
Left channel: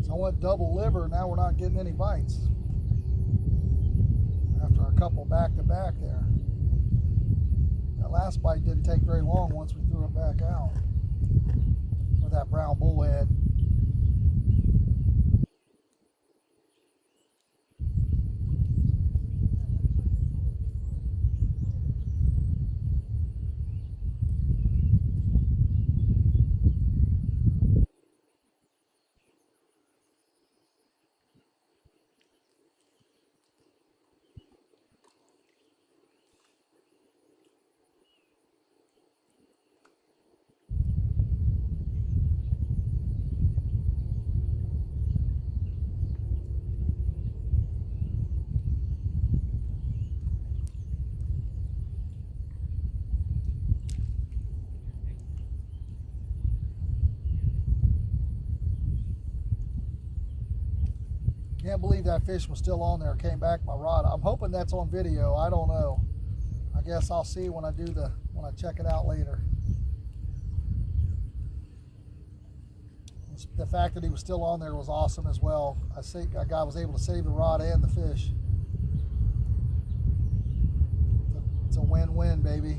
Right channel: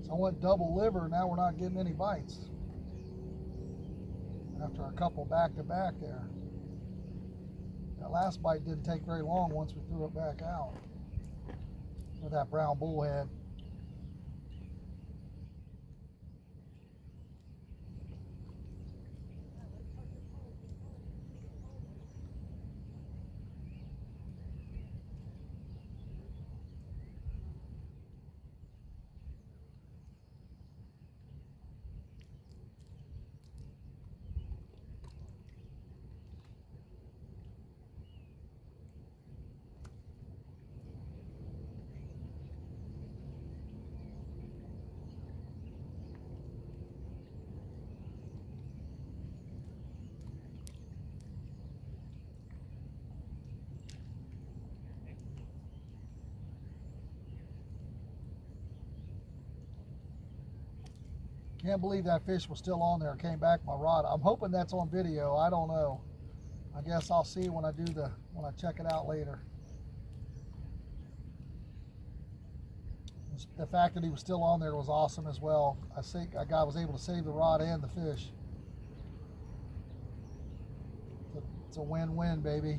So I went double liver, now we're not getting any bites. After a couple back to back there. That last bite didn't take very long once we threw it back out with that brown bullhead. Can't believe that fish was still on there. Came back my rod. I'm hoping that's on video. I don't know. I guess I'll see when I check it out later. The fact that he was still on there was awesome as well. I think I was able to save the rod and the fish. It's a win-win, baby.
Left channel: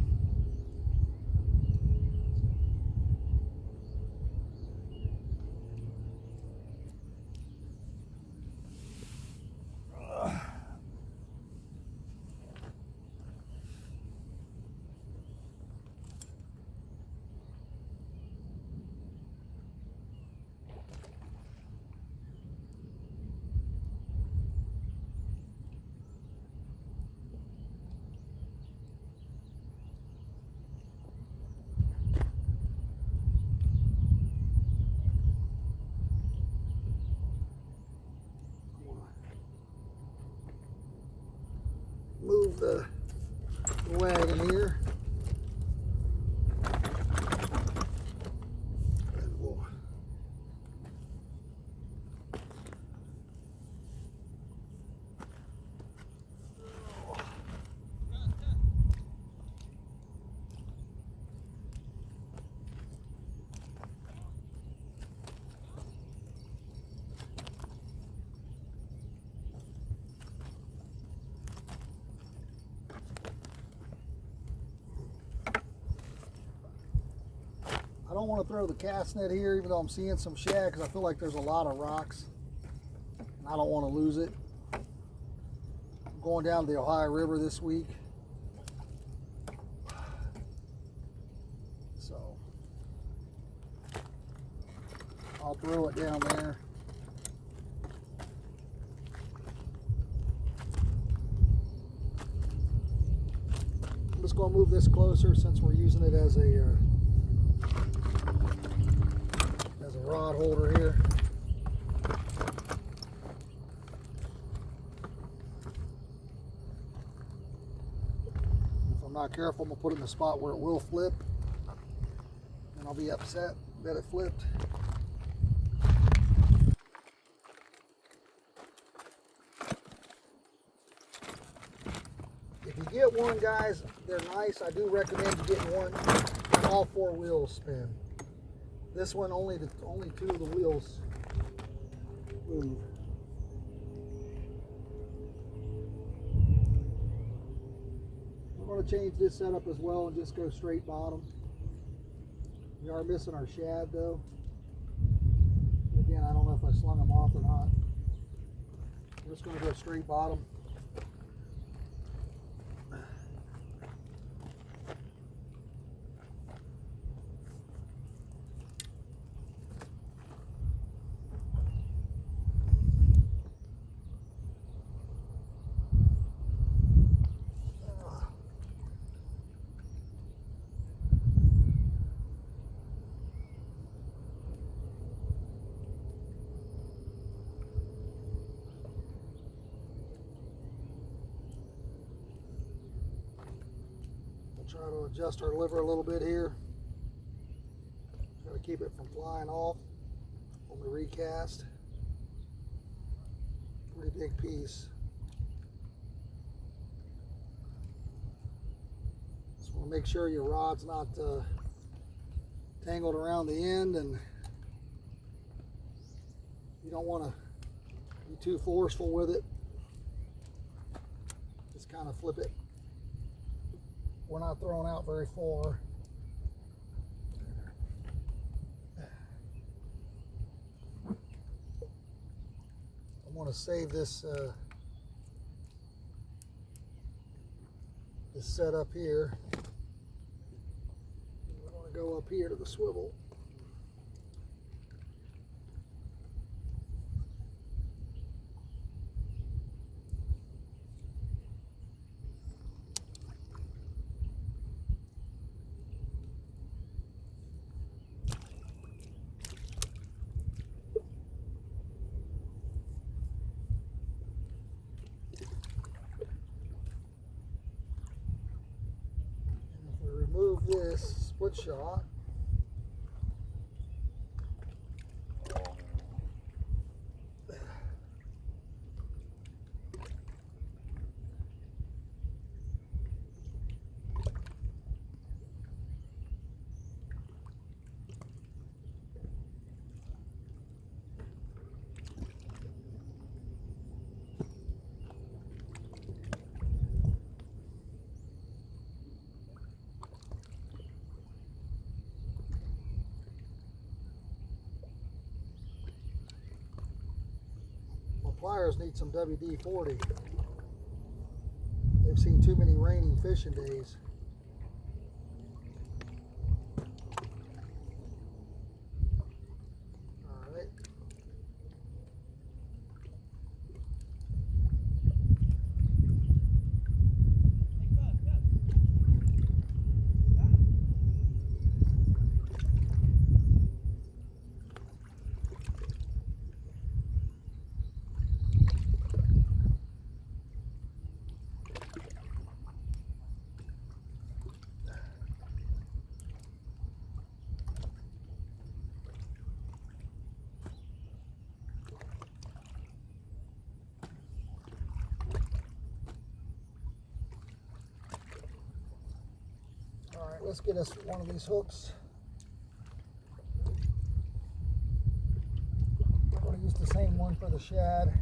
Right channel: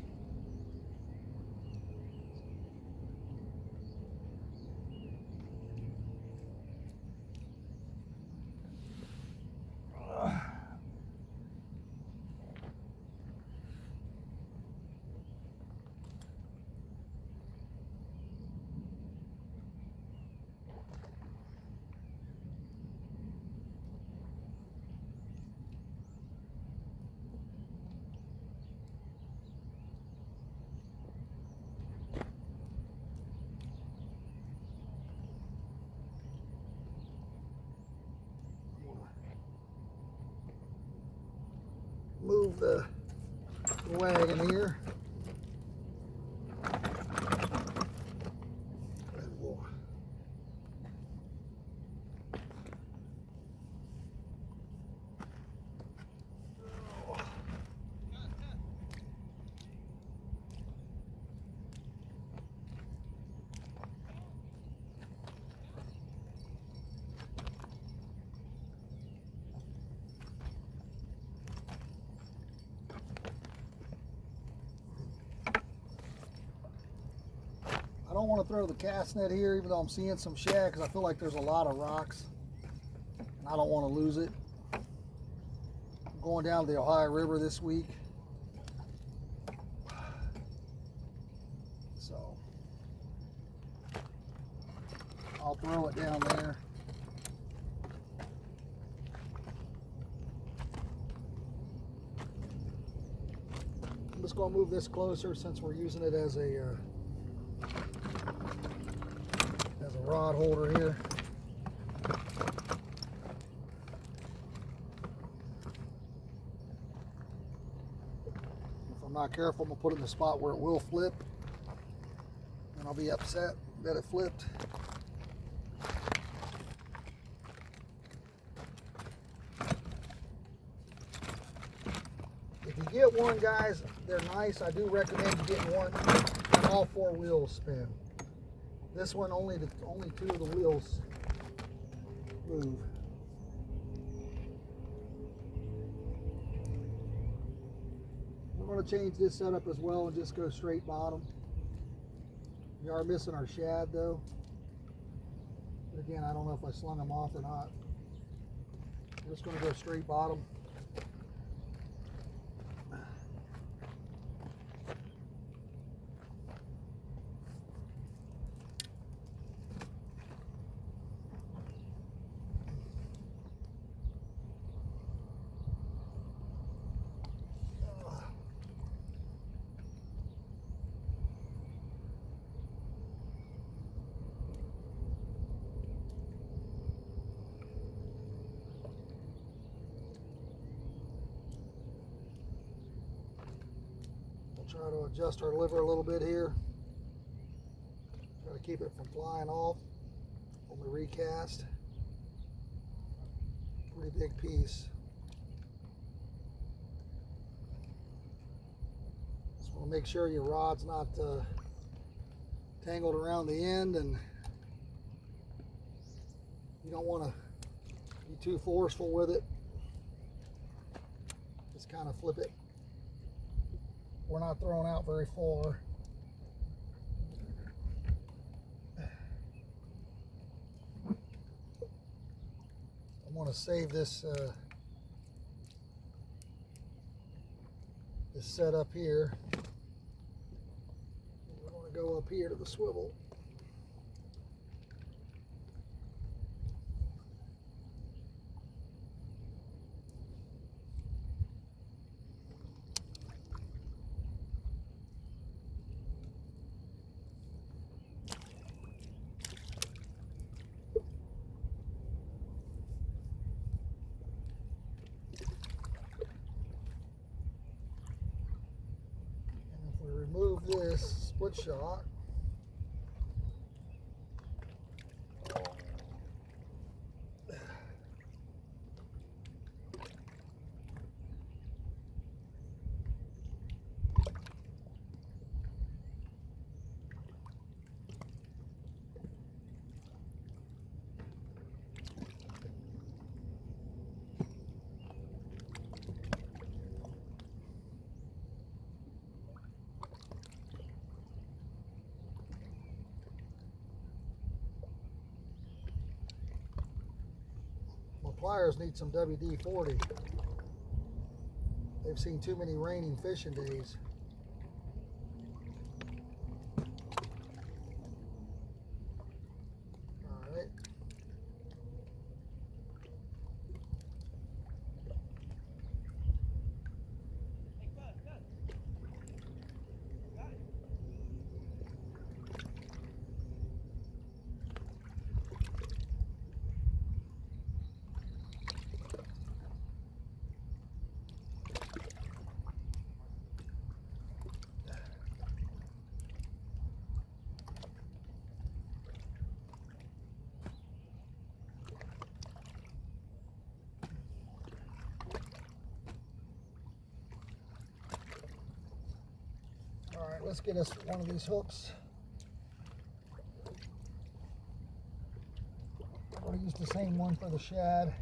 the wagon here. And we'll I don't want to throw the cast net here, even though I'm seeing some shad, because I feel like there's a lot of rocks and I don't want to lose it. I'm going down to the Ohio River this week, so I'll throw it down there. I'm just going to move this closer since we're using it as a rod holder here. If I'm not careful, I'm going to put it in a spot where it will flip, and I'll be upset that it flipped. If you get one, guys, they're nice. I do recommend you getting one and all 4 wheels spin. This one, only 2 of the wheels move. We're going to change this setup as well and just go straight bottom. We are missing our shad though. But again, I don't know if I slung them off or not. We're just going to go straight bottom. Try to adjust our lever a little bit here. Try to keep it from flying off on the recast. Pretty big piece. Just want to make sure your rod's not tangled around the end, and you don't want to be too forceful with it. Just kind of flip it. We're not throwing out very far. I want to save this this setup here. We're going to go up here to the swivel. Remove this split shot. Pliers need some WD-40. They've seen too many raining fishing days. All right. right, let's get us one of these hooks. I'm going to use the same one for the shad.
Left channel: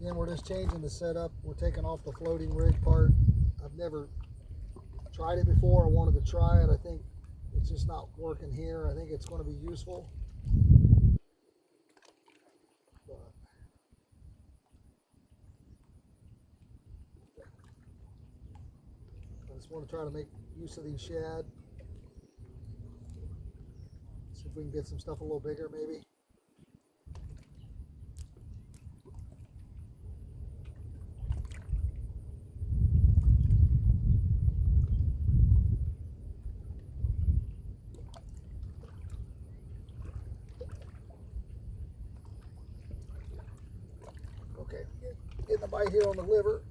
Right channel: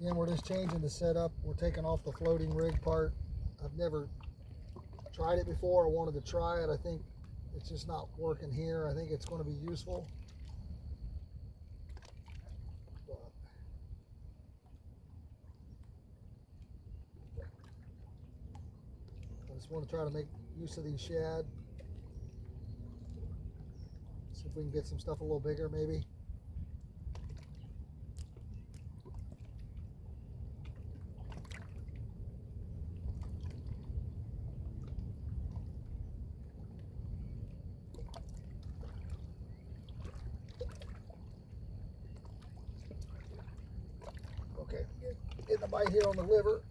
Again, we're just changing the setup. We're taking off the floating rig part. I've never tried it before. I wanted to try it. I think it's just not working here. I think it's going to be useful. But I just want to try to make use of these shad. See if we can get some stuff a little bigger maybe. Okay, getting a bite here on the liver.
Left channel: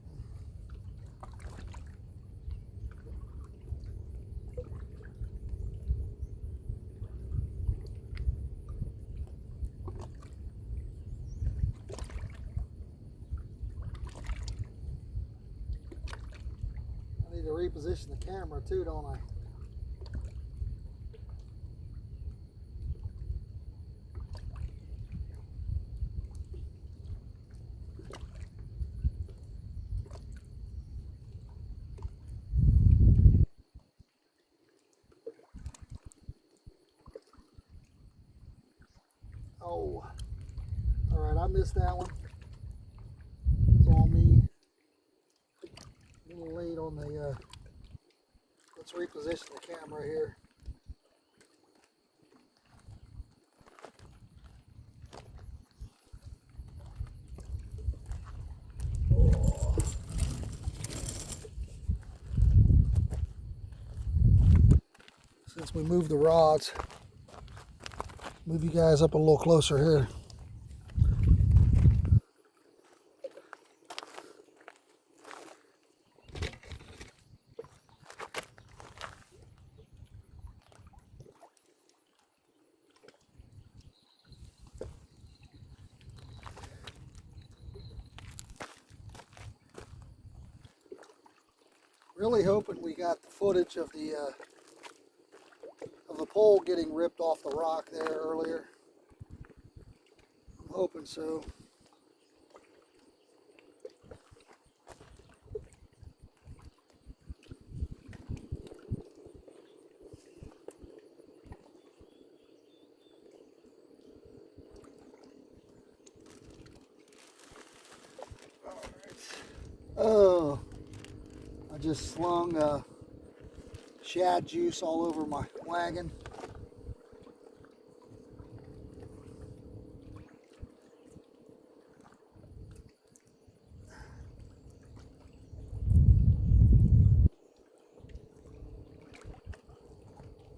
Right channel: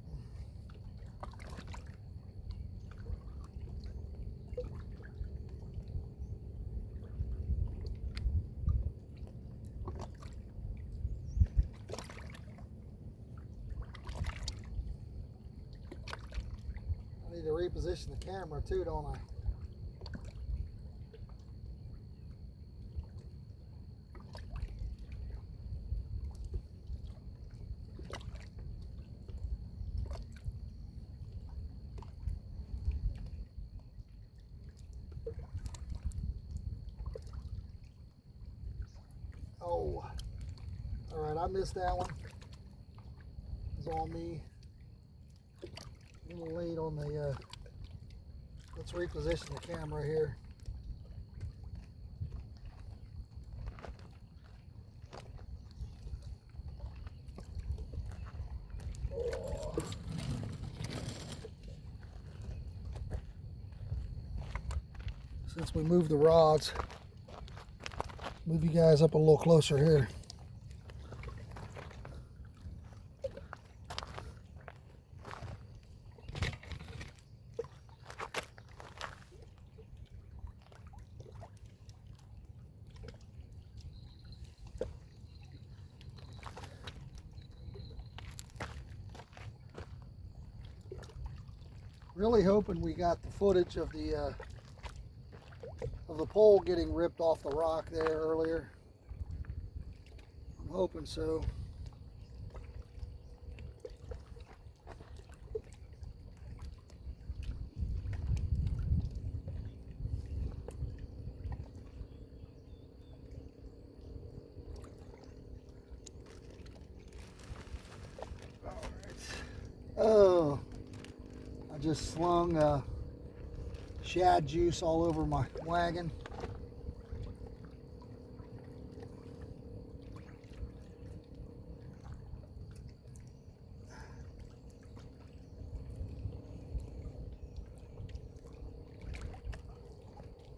I need to reposition the camera too, don't I? Oh, all right, I missed that one. It's on me. A little late on the, let's reposition the camera here. Oh. Since we moved the rods, move you guys up a little closer here. Really hoping we got the footage of the pole getting ripped off the rock there earlier. I'm hoping so. Oh, I just slung shad juice all over my wagon.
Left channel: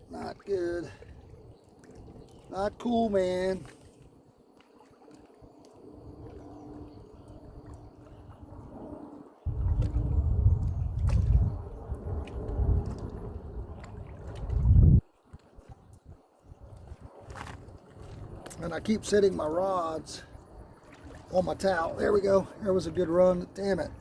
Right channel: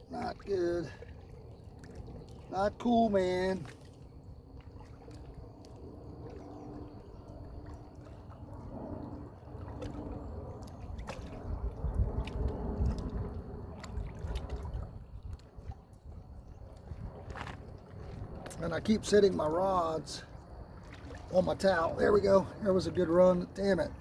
Not good. Not cool, man. And I keep setting my rods on my towel. There we go. That was a good run. Damn it.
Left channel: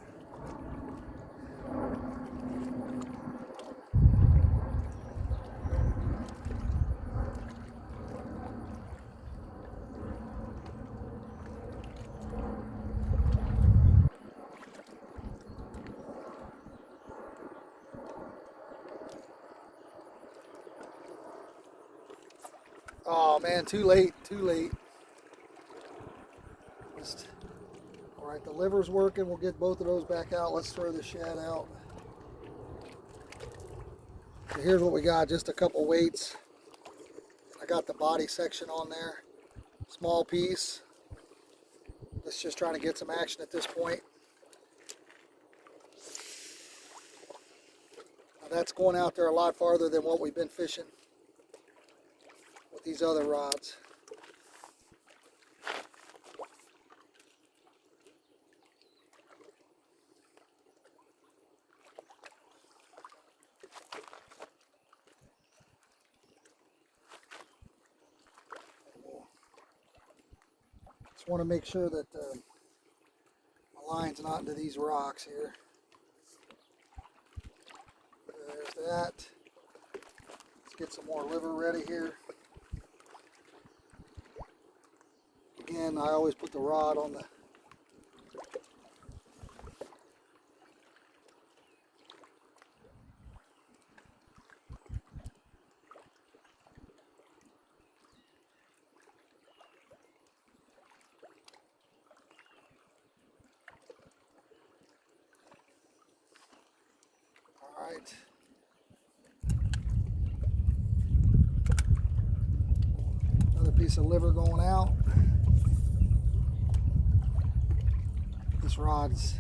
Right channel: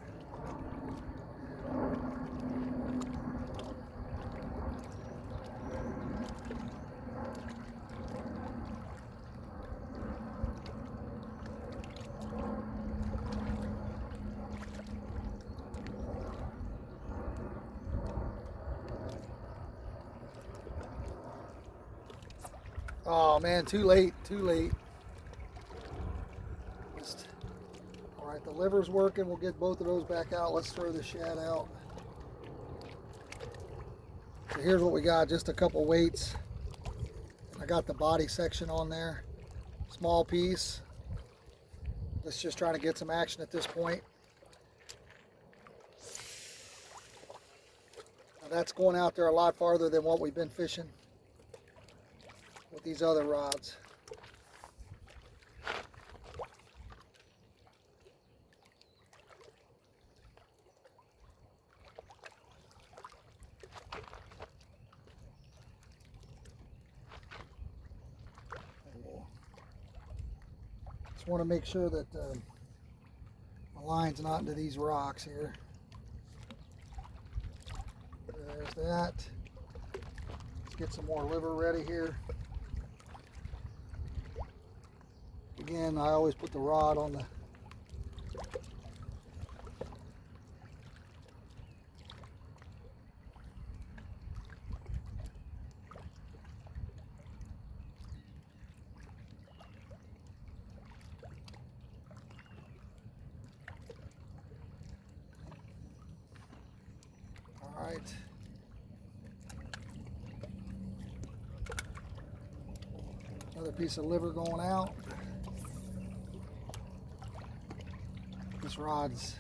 Oh man, too late, too late. All right, the liver's working. We'll get both of those back out. Let's throw the shad out. So here's what we got, just a couple weights. I got the body section on there. Small piece. Let's just try to get some action at this point. Now that's going out there a lot farther than what we've been fishing with these other rods. Just want to make sure that my line's not into these rocks here. There's that. Let's get some more liver ready here. Again, I always put the rod on the Alright. Another piece of liver going out. This rod's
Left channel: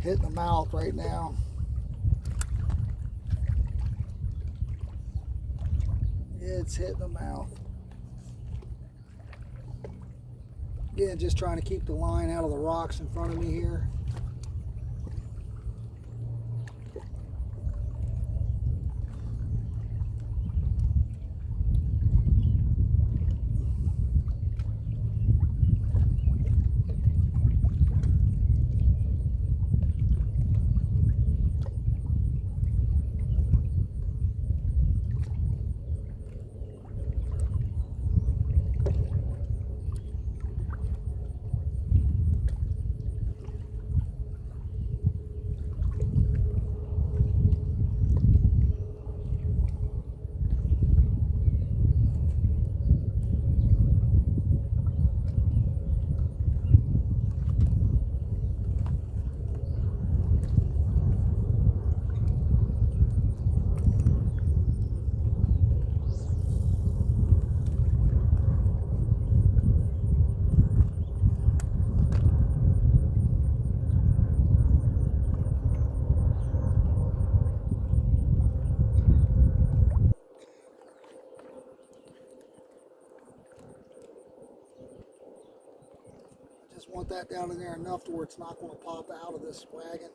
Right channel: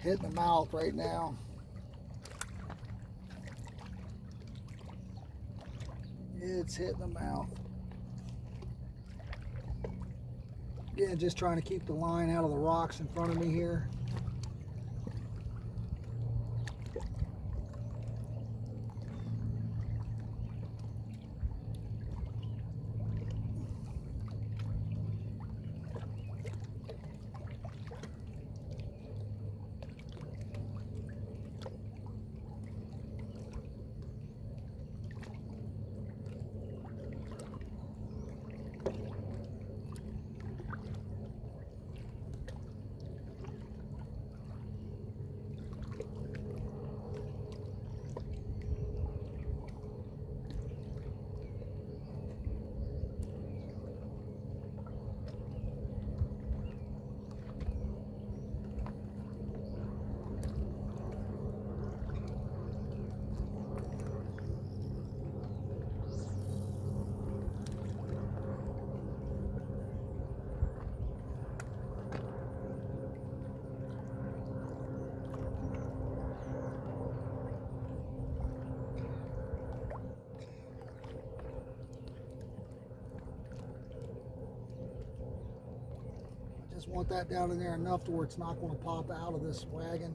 hitting the mouth right now. It's hitting the mouth. Again, just trying to keep the line out of the rocks in front of me here. Just want that down in there enough to where it's not going to pop out of this wagon.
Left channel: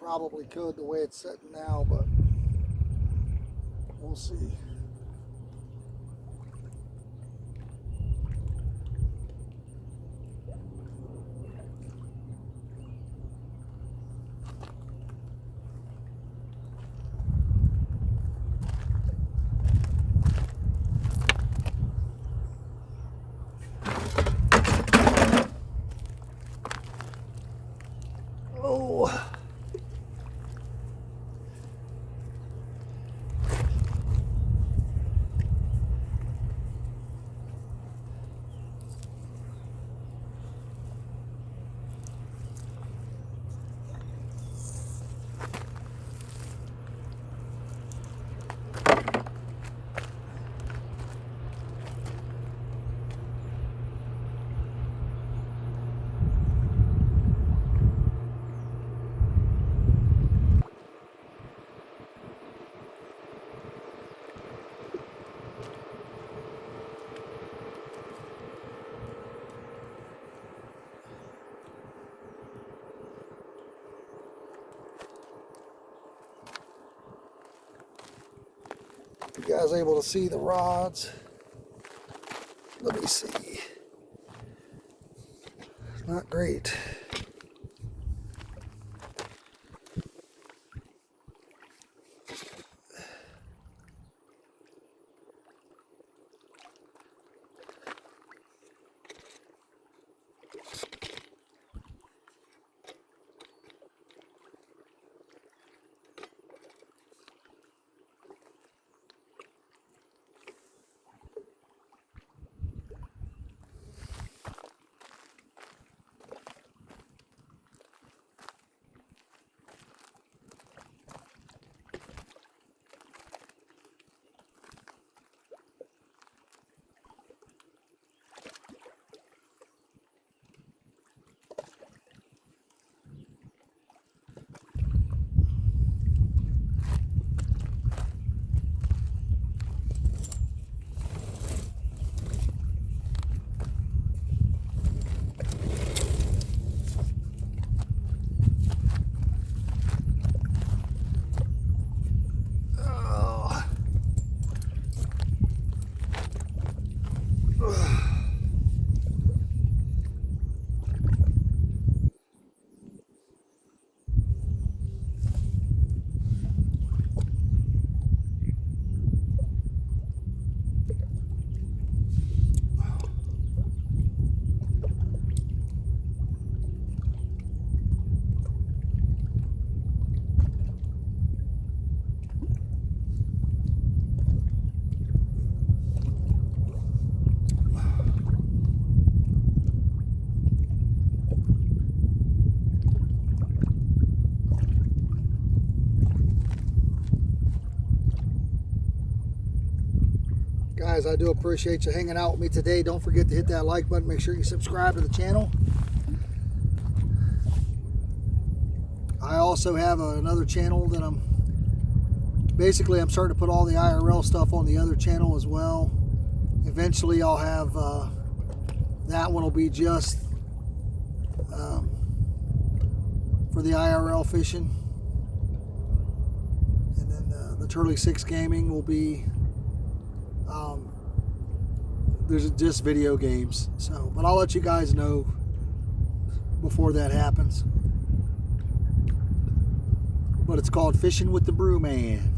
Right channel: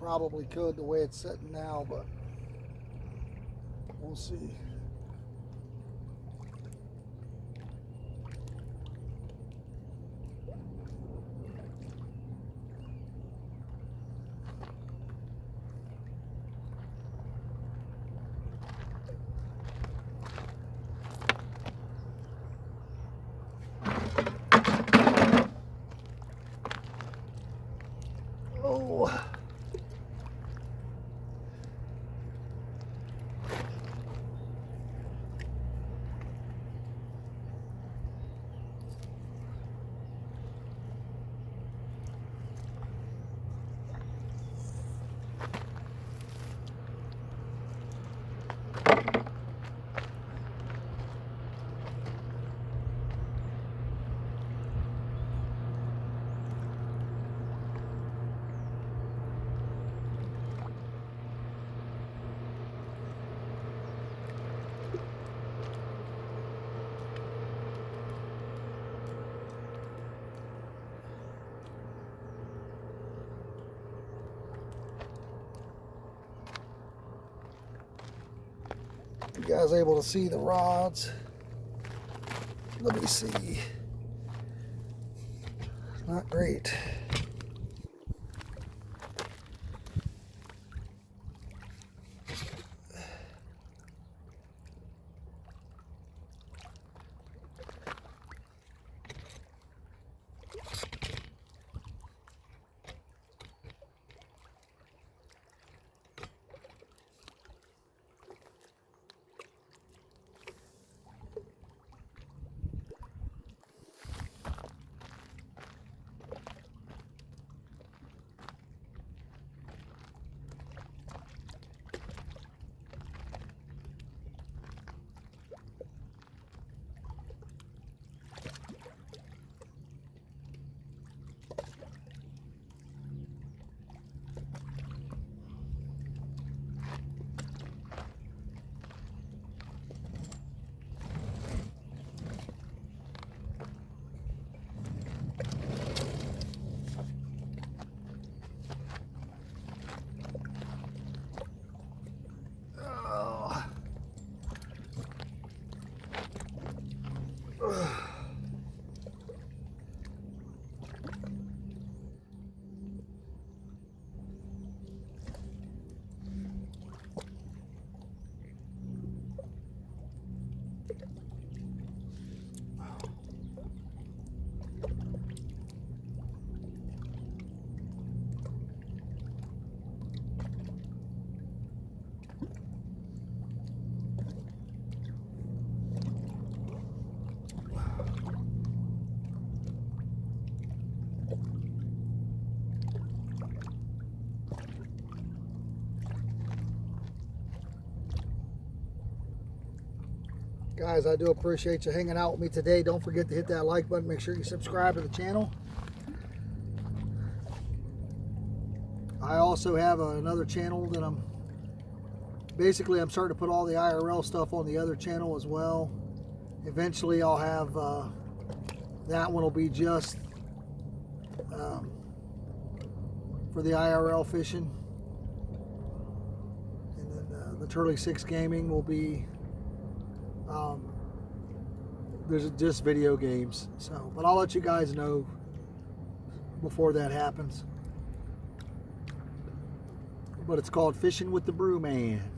Probably could the way it's sitting now, but we'll see. Oh. You guys able to see the rods? Let me see. Not great. Guys, I do appreciate you hanging out with me today. Don't forget to hit that like button. Make sure you subscribe to the channel. I also have another channel that I'm starting to put all the IRL stuff on the other channel as well. Eventually I'll have that one will be just for the IRL fishing, and then the Turley 6 Gaming will be there's just video games. So, but I'll let you guys know before that happens. But it's called Fishing with the Brew Man.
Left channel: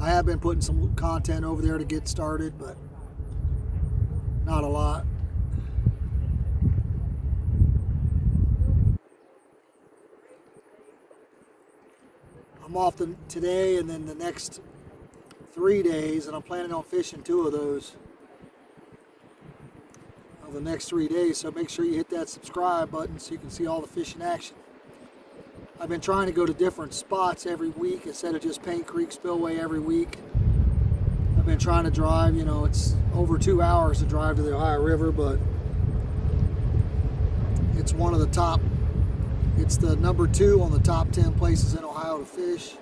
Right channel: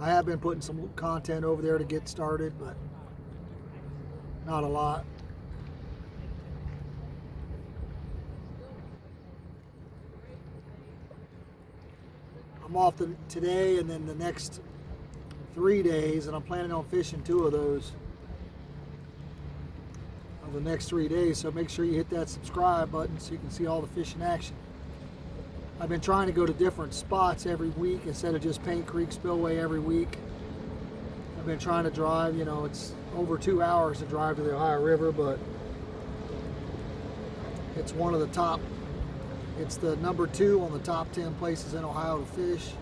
I have been putting some content over there to get started, but not a lot. I'm off today and then the next 3 days, and I'm planning on fishing 2 of those of the next 3 days. So make sure you hit that subscribe button so you can see all the fishing action. I've been trying to go to different spots every week instead of just Paint Creek Spillway every week. I've been trying to drive, you know, it's over 2 hours to drive to the Ohio River, but it's one of the top, it's the number 2 on the top 10 places in Ohio to fish.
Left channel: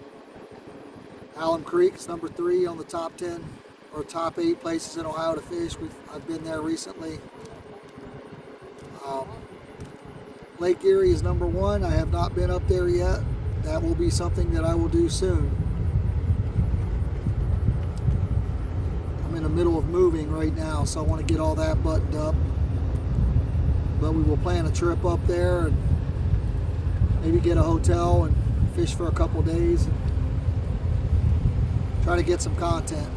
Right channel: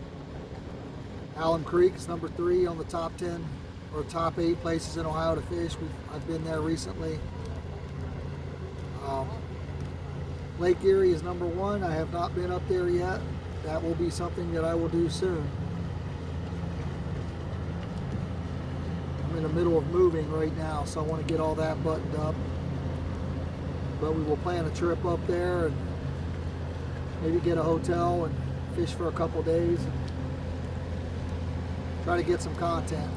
Alum Creek is number 3 on the top 10 or top 8 places in Ohio to fish. I've been there recently. Lake Erie is number 1. I have not been up there yet. That will be something that I will do soon. I'm in the middle of moving right now, so I want to get all that buttoned up. But we will plan a trip up there and maybe get a hotel and fish for a couple days and try to get some content.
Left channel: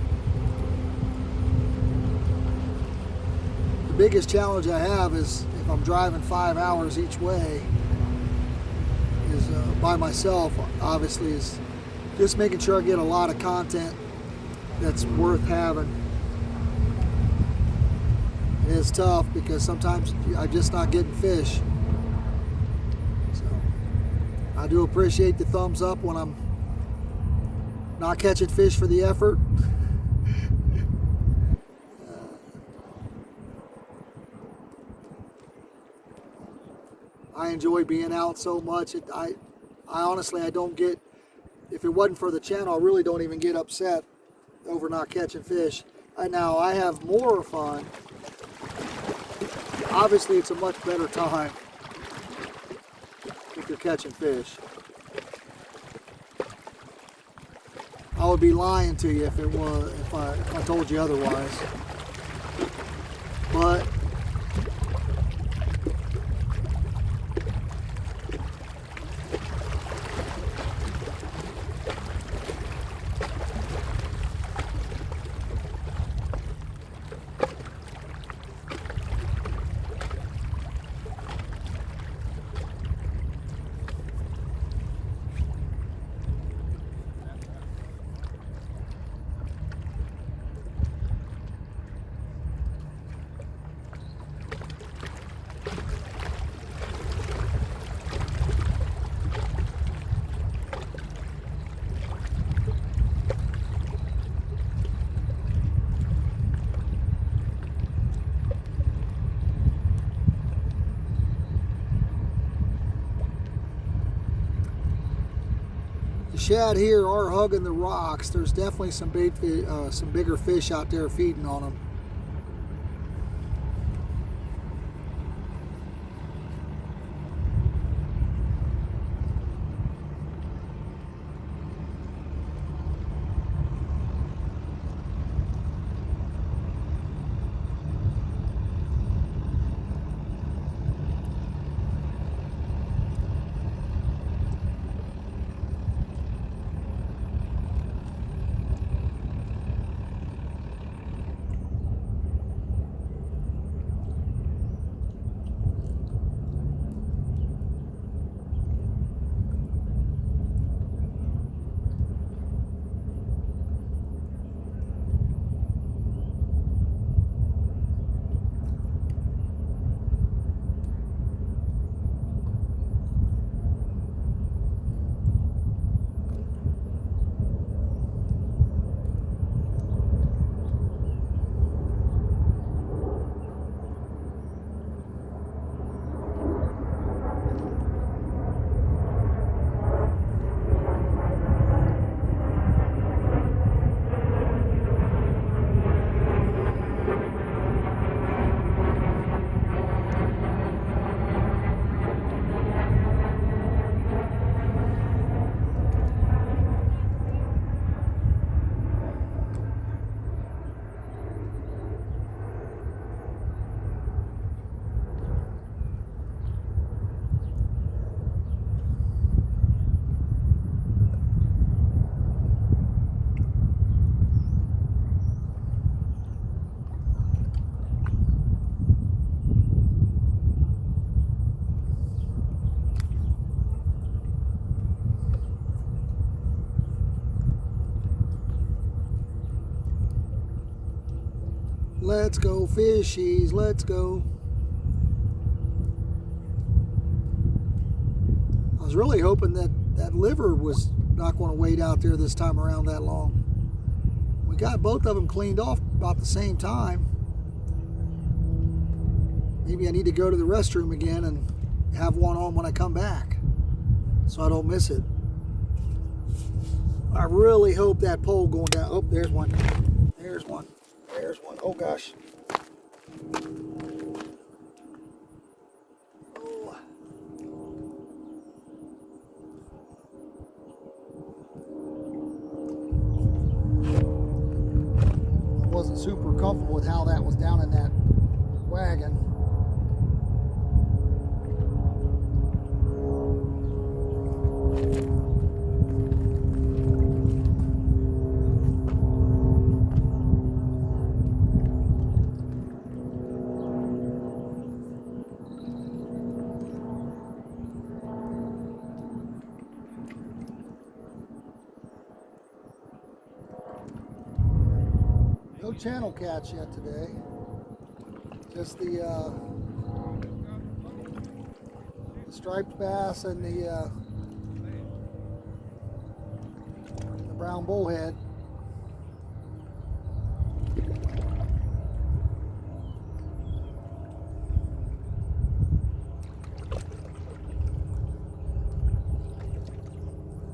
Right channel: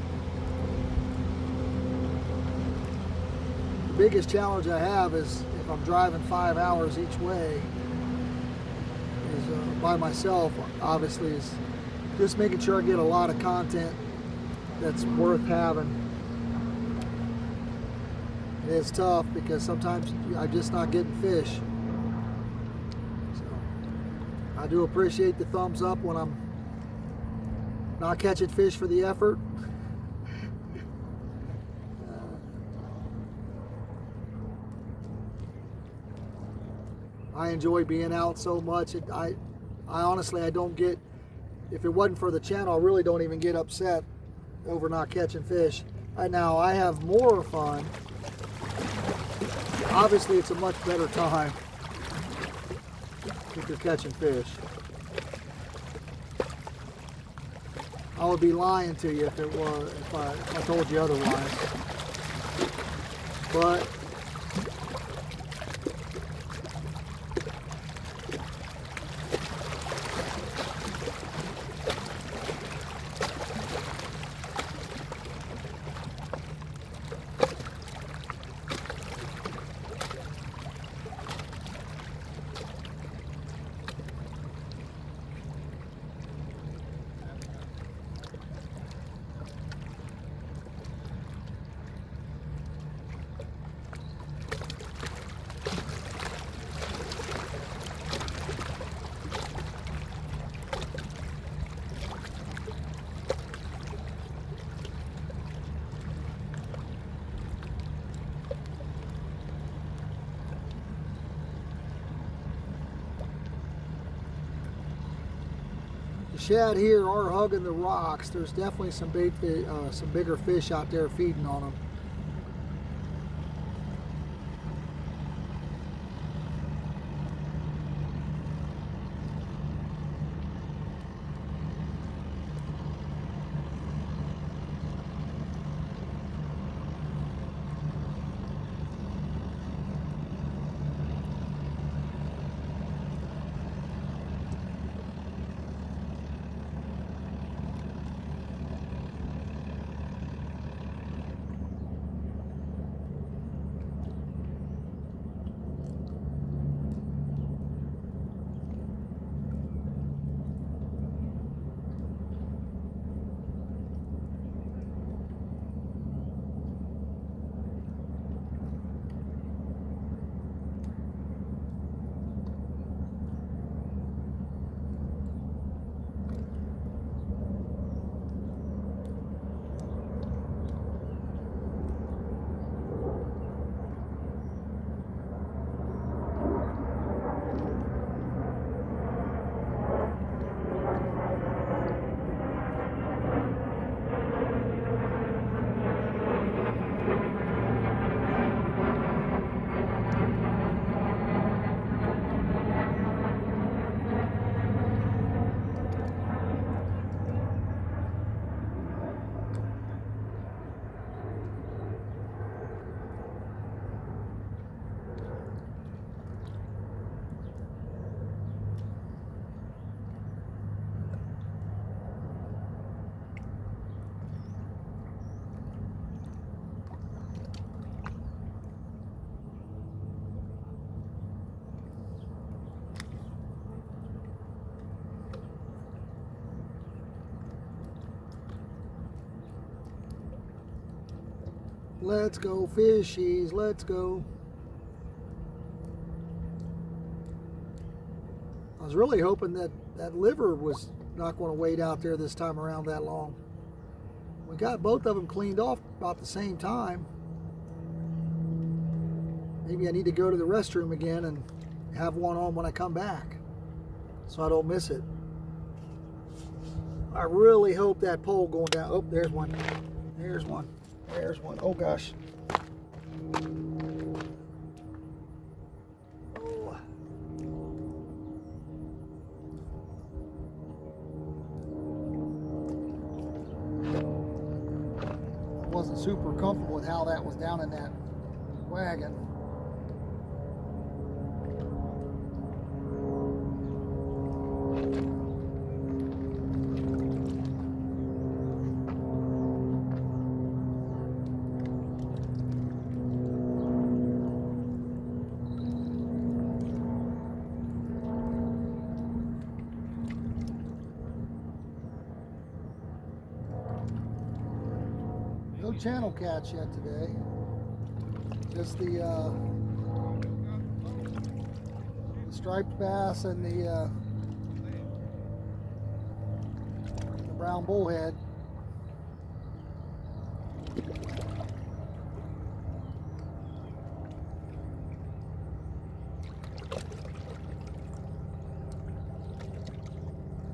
The biggest challenge I have is if I'm driving 5 hours each way is by myself, obviously, is just making sure I get a lot of content that's worth having. It is tough because sometimes I'm just not getting fish. So I do appreciate the thumbs up when I'm not catching fish for the effort. I enjoy being out so much. I honestly, I don't get, if it wasn't for the channel, I really don't even get upset over not catching fish. Now I have more fun. Obviously, it's a much better time if you're catching fish. I would be lying to you if it was, if I told you otherwise. But the shad here are hugging the rocks. There's definitely some bigger fish out there feeding on them. Let's go, fishies. Let's go. I was really hoping that that liver was not going to wait out there this time around that long. We got both of them cleaned off about the same time. Maybe I need to go to the restroom again and have one on when I come back so I don't miss it. I really hope that pole going down. Oh, there's one. There's one. There's one. Oh, gosh. Oh. I wasn't super comfortable with how that was down in that wagon. No channel catch yet today. Just the striped bass and the brown bullhead.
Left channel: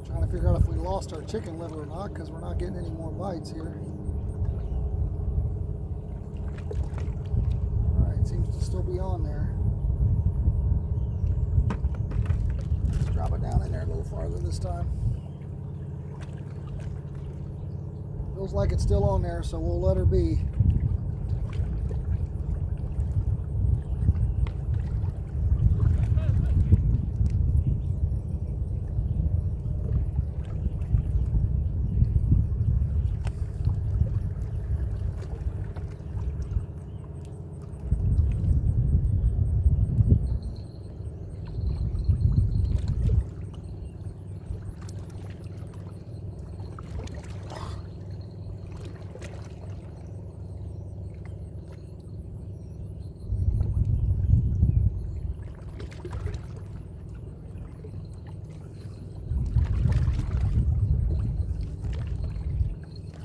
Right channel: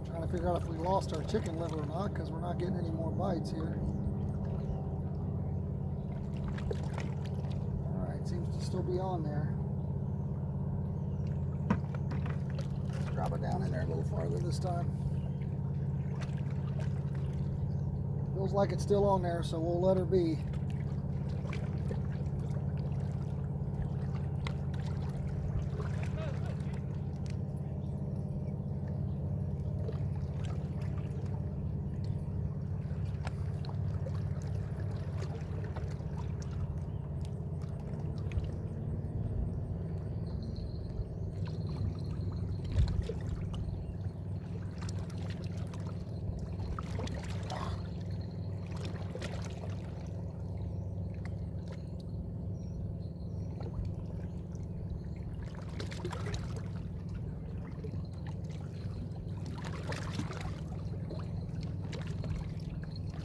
Trying to figure out if we lost our chicken liver or not, because we're not getting any more bites here. Seems to still be on there. Let's drop it down in there a little farther this time. Feels like it's still on there, so we'll let her be.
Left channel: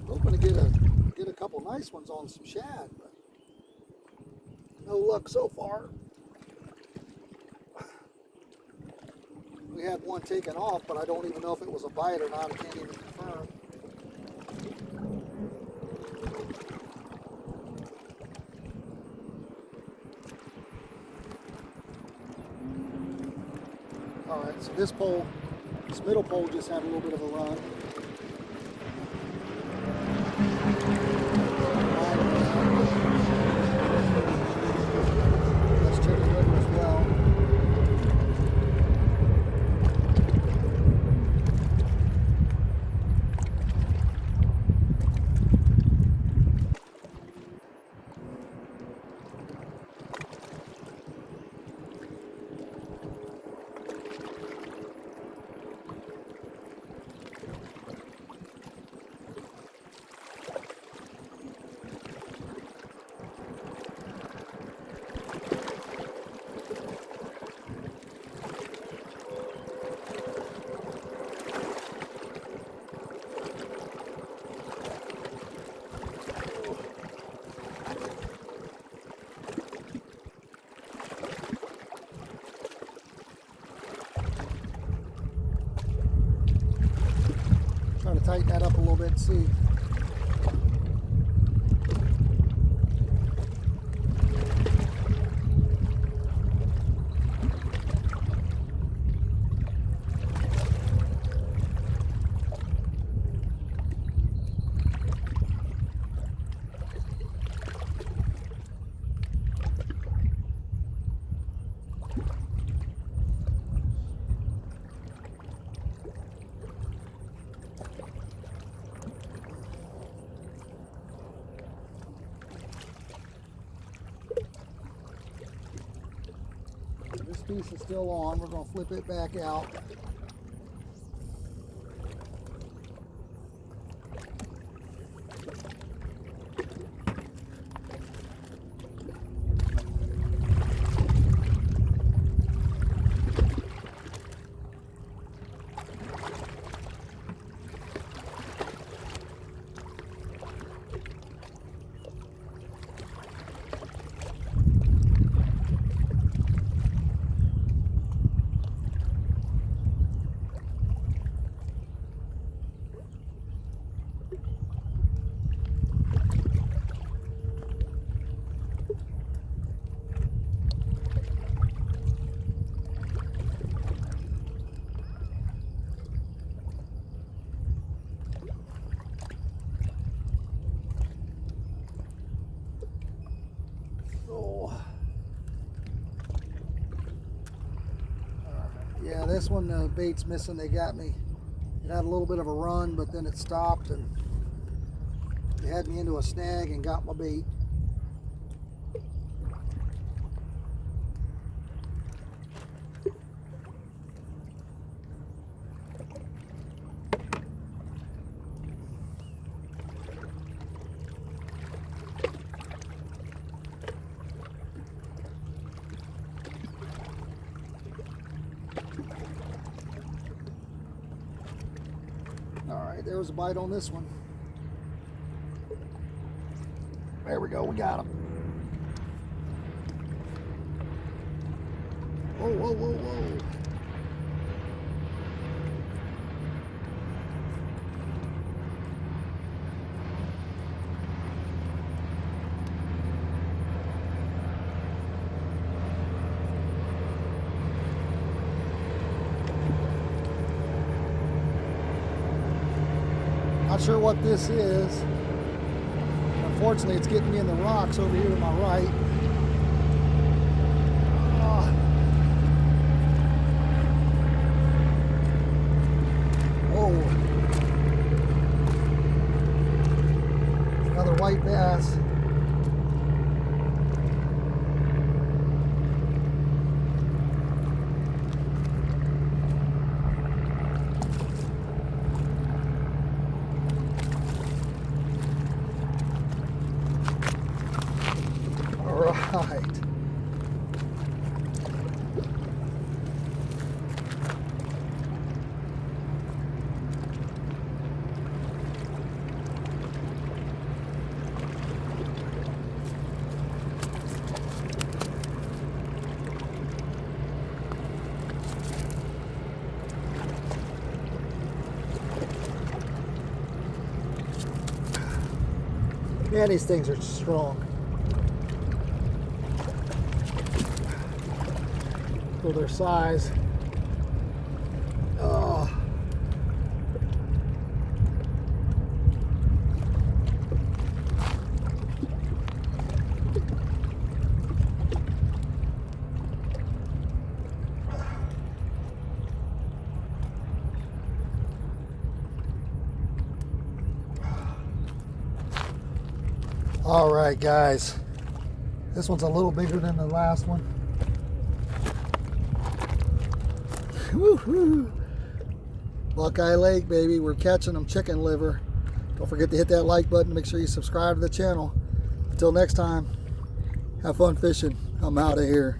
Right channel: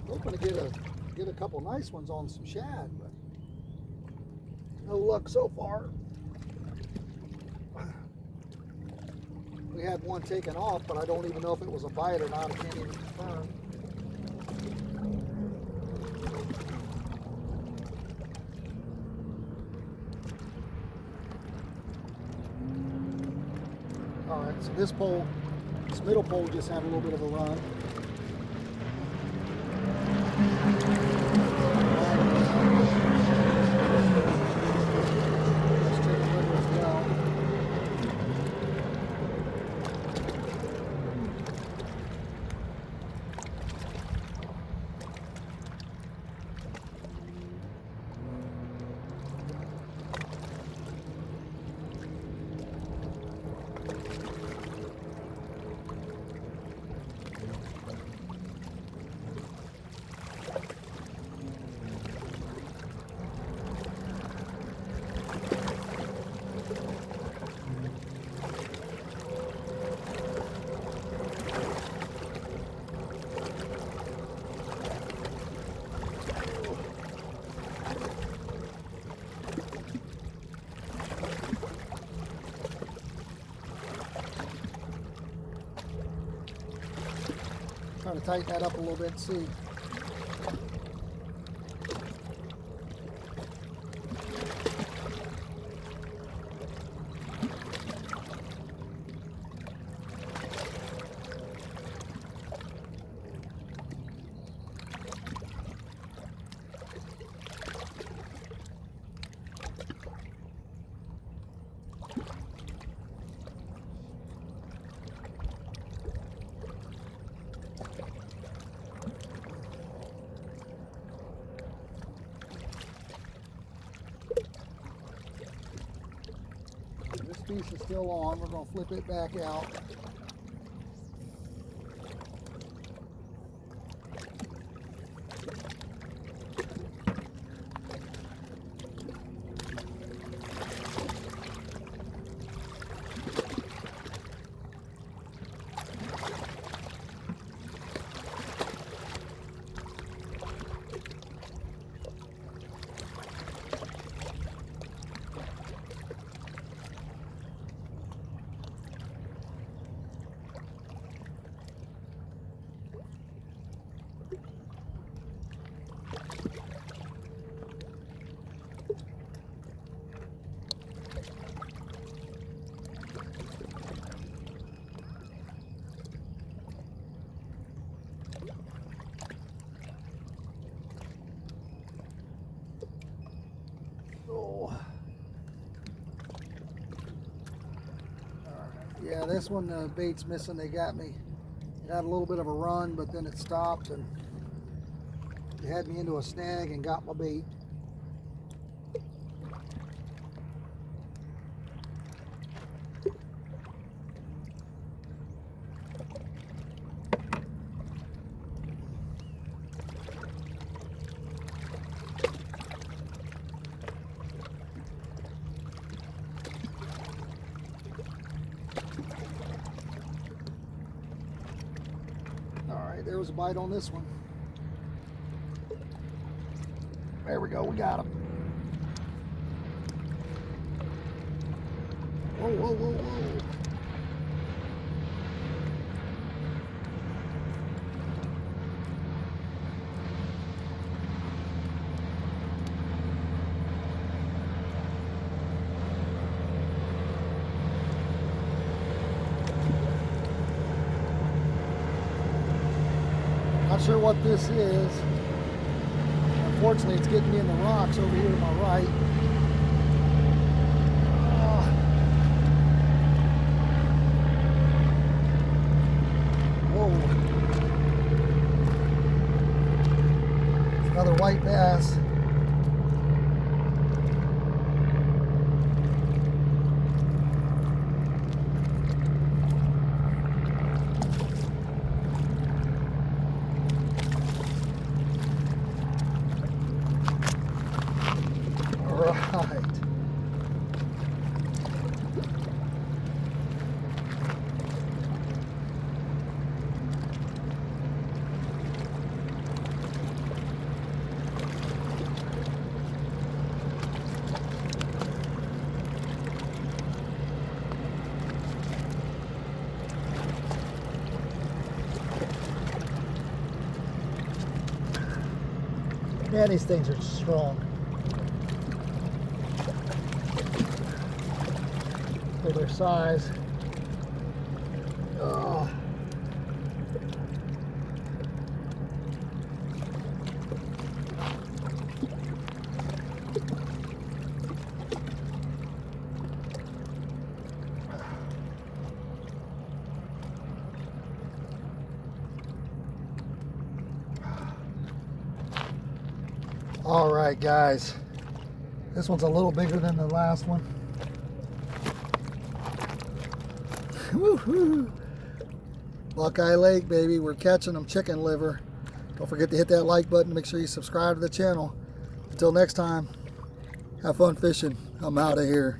Hoping to get a couple nice ones on some shad, but no luck so far. We had one taken off, but I don't even know if it was a bite or not. I can't even confirm. All right, so this middle pole just had a little bit of a run. Let's check the liver as well. Trying to tighten that up a little bit and see. This piece is still on. We're going to flip it back out. Yeah, this one, the bait's missing. They got me. It had a little bit of a run, but then it stopped and they had me into a snag and got my bait. All right, there's a bite on this one. There we go, we got him. Whoa, whoa, whoa, whoa. Not sure what this is. Unfortunately, it's getting me in the rocks over here to my right. Whoa. Another white bass. Right. Man, these things are strong. For their size. All right, guys. This one's a little bigger than the last one. Woo-hoo. Buckeye Lake, baby. We're catching them chicken liver. Don't forget to hit that like button. Make sure you subscribe to the channel. Until next time, have fun fishing. I'm out of here.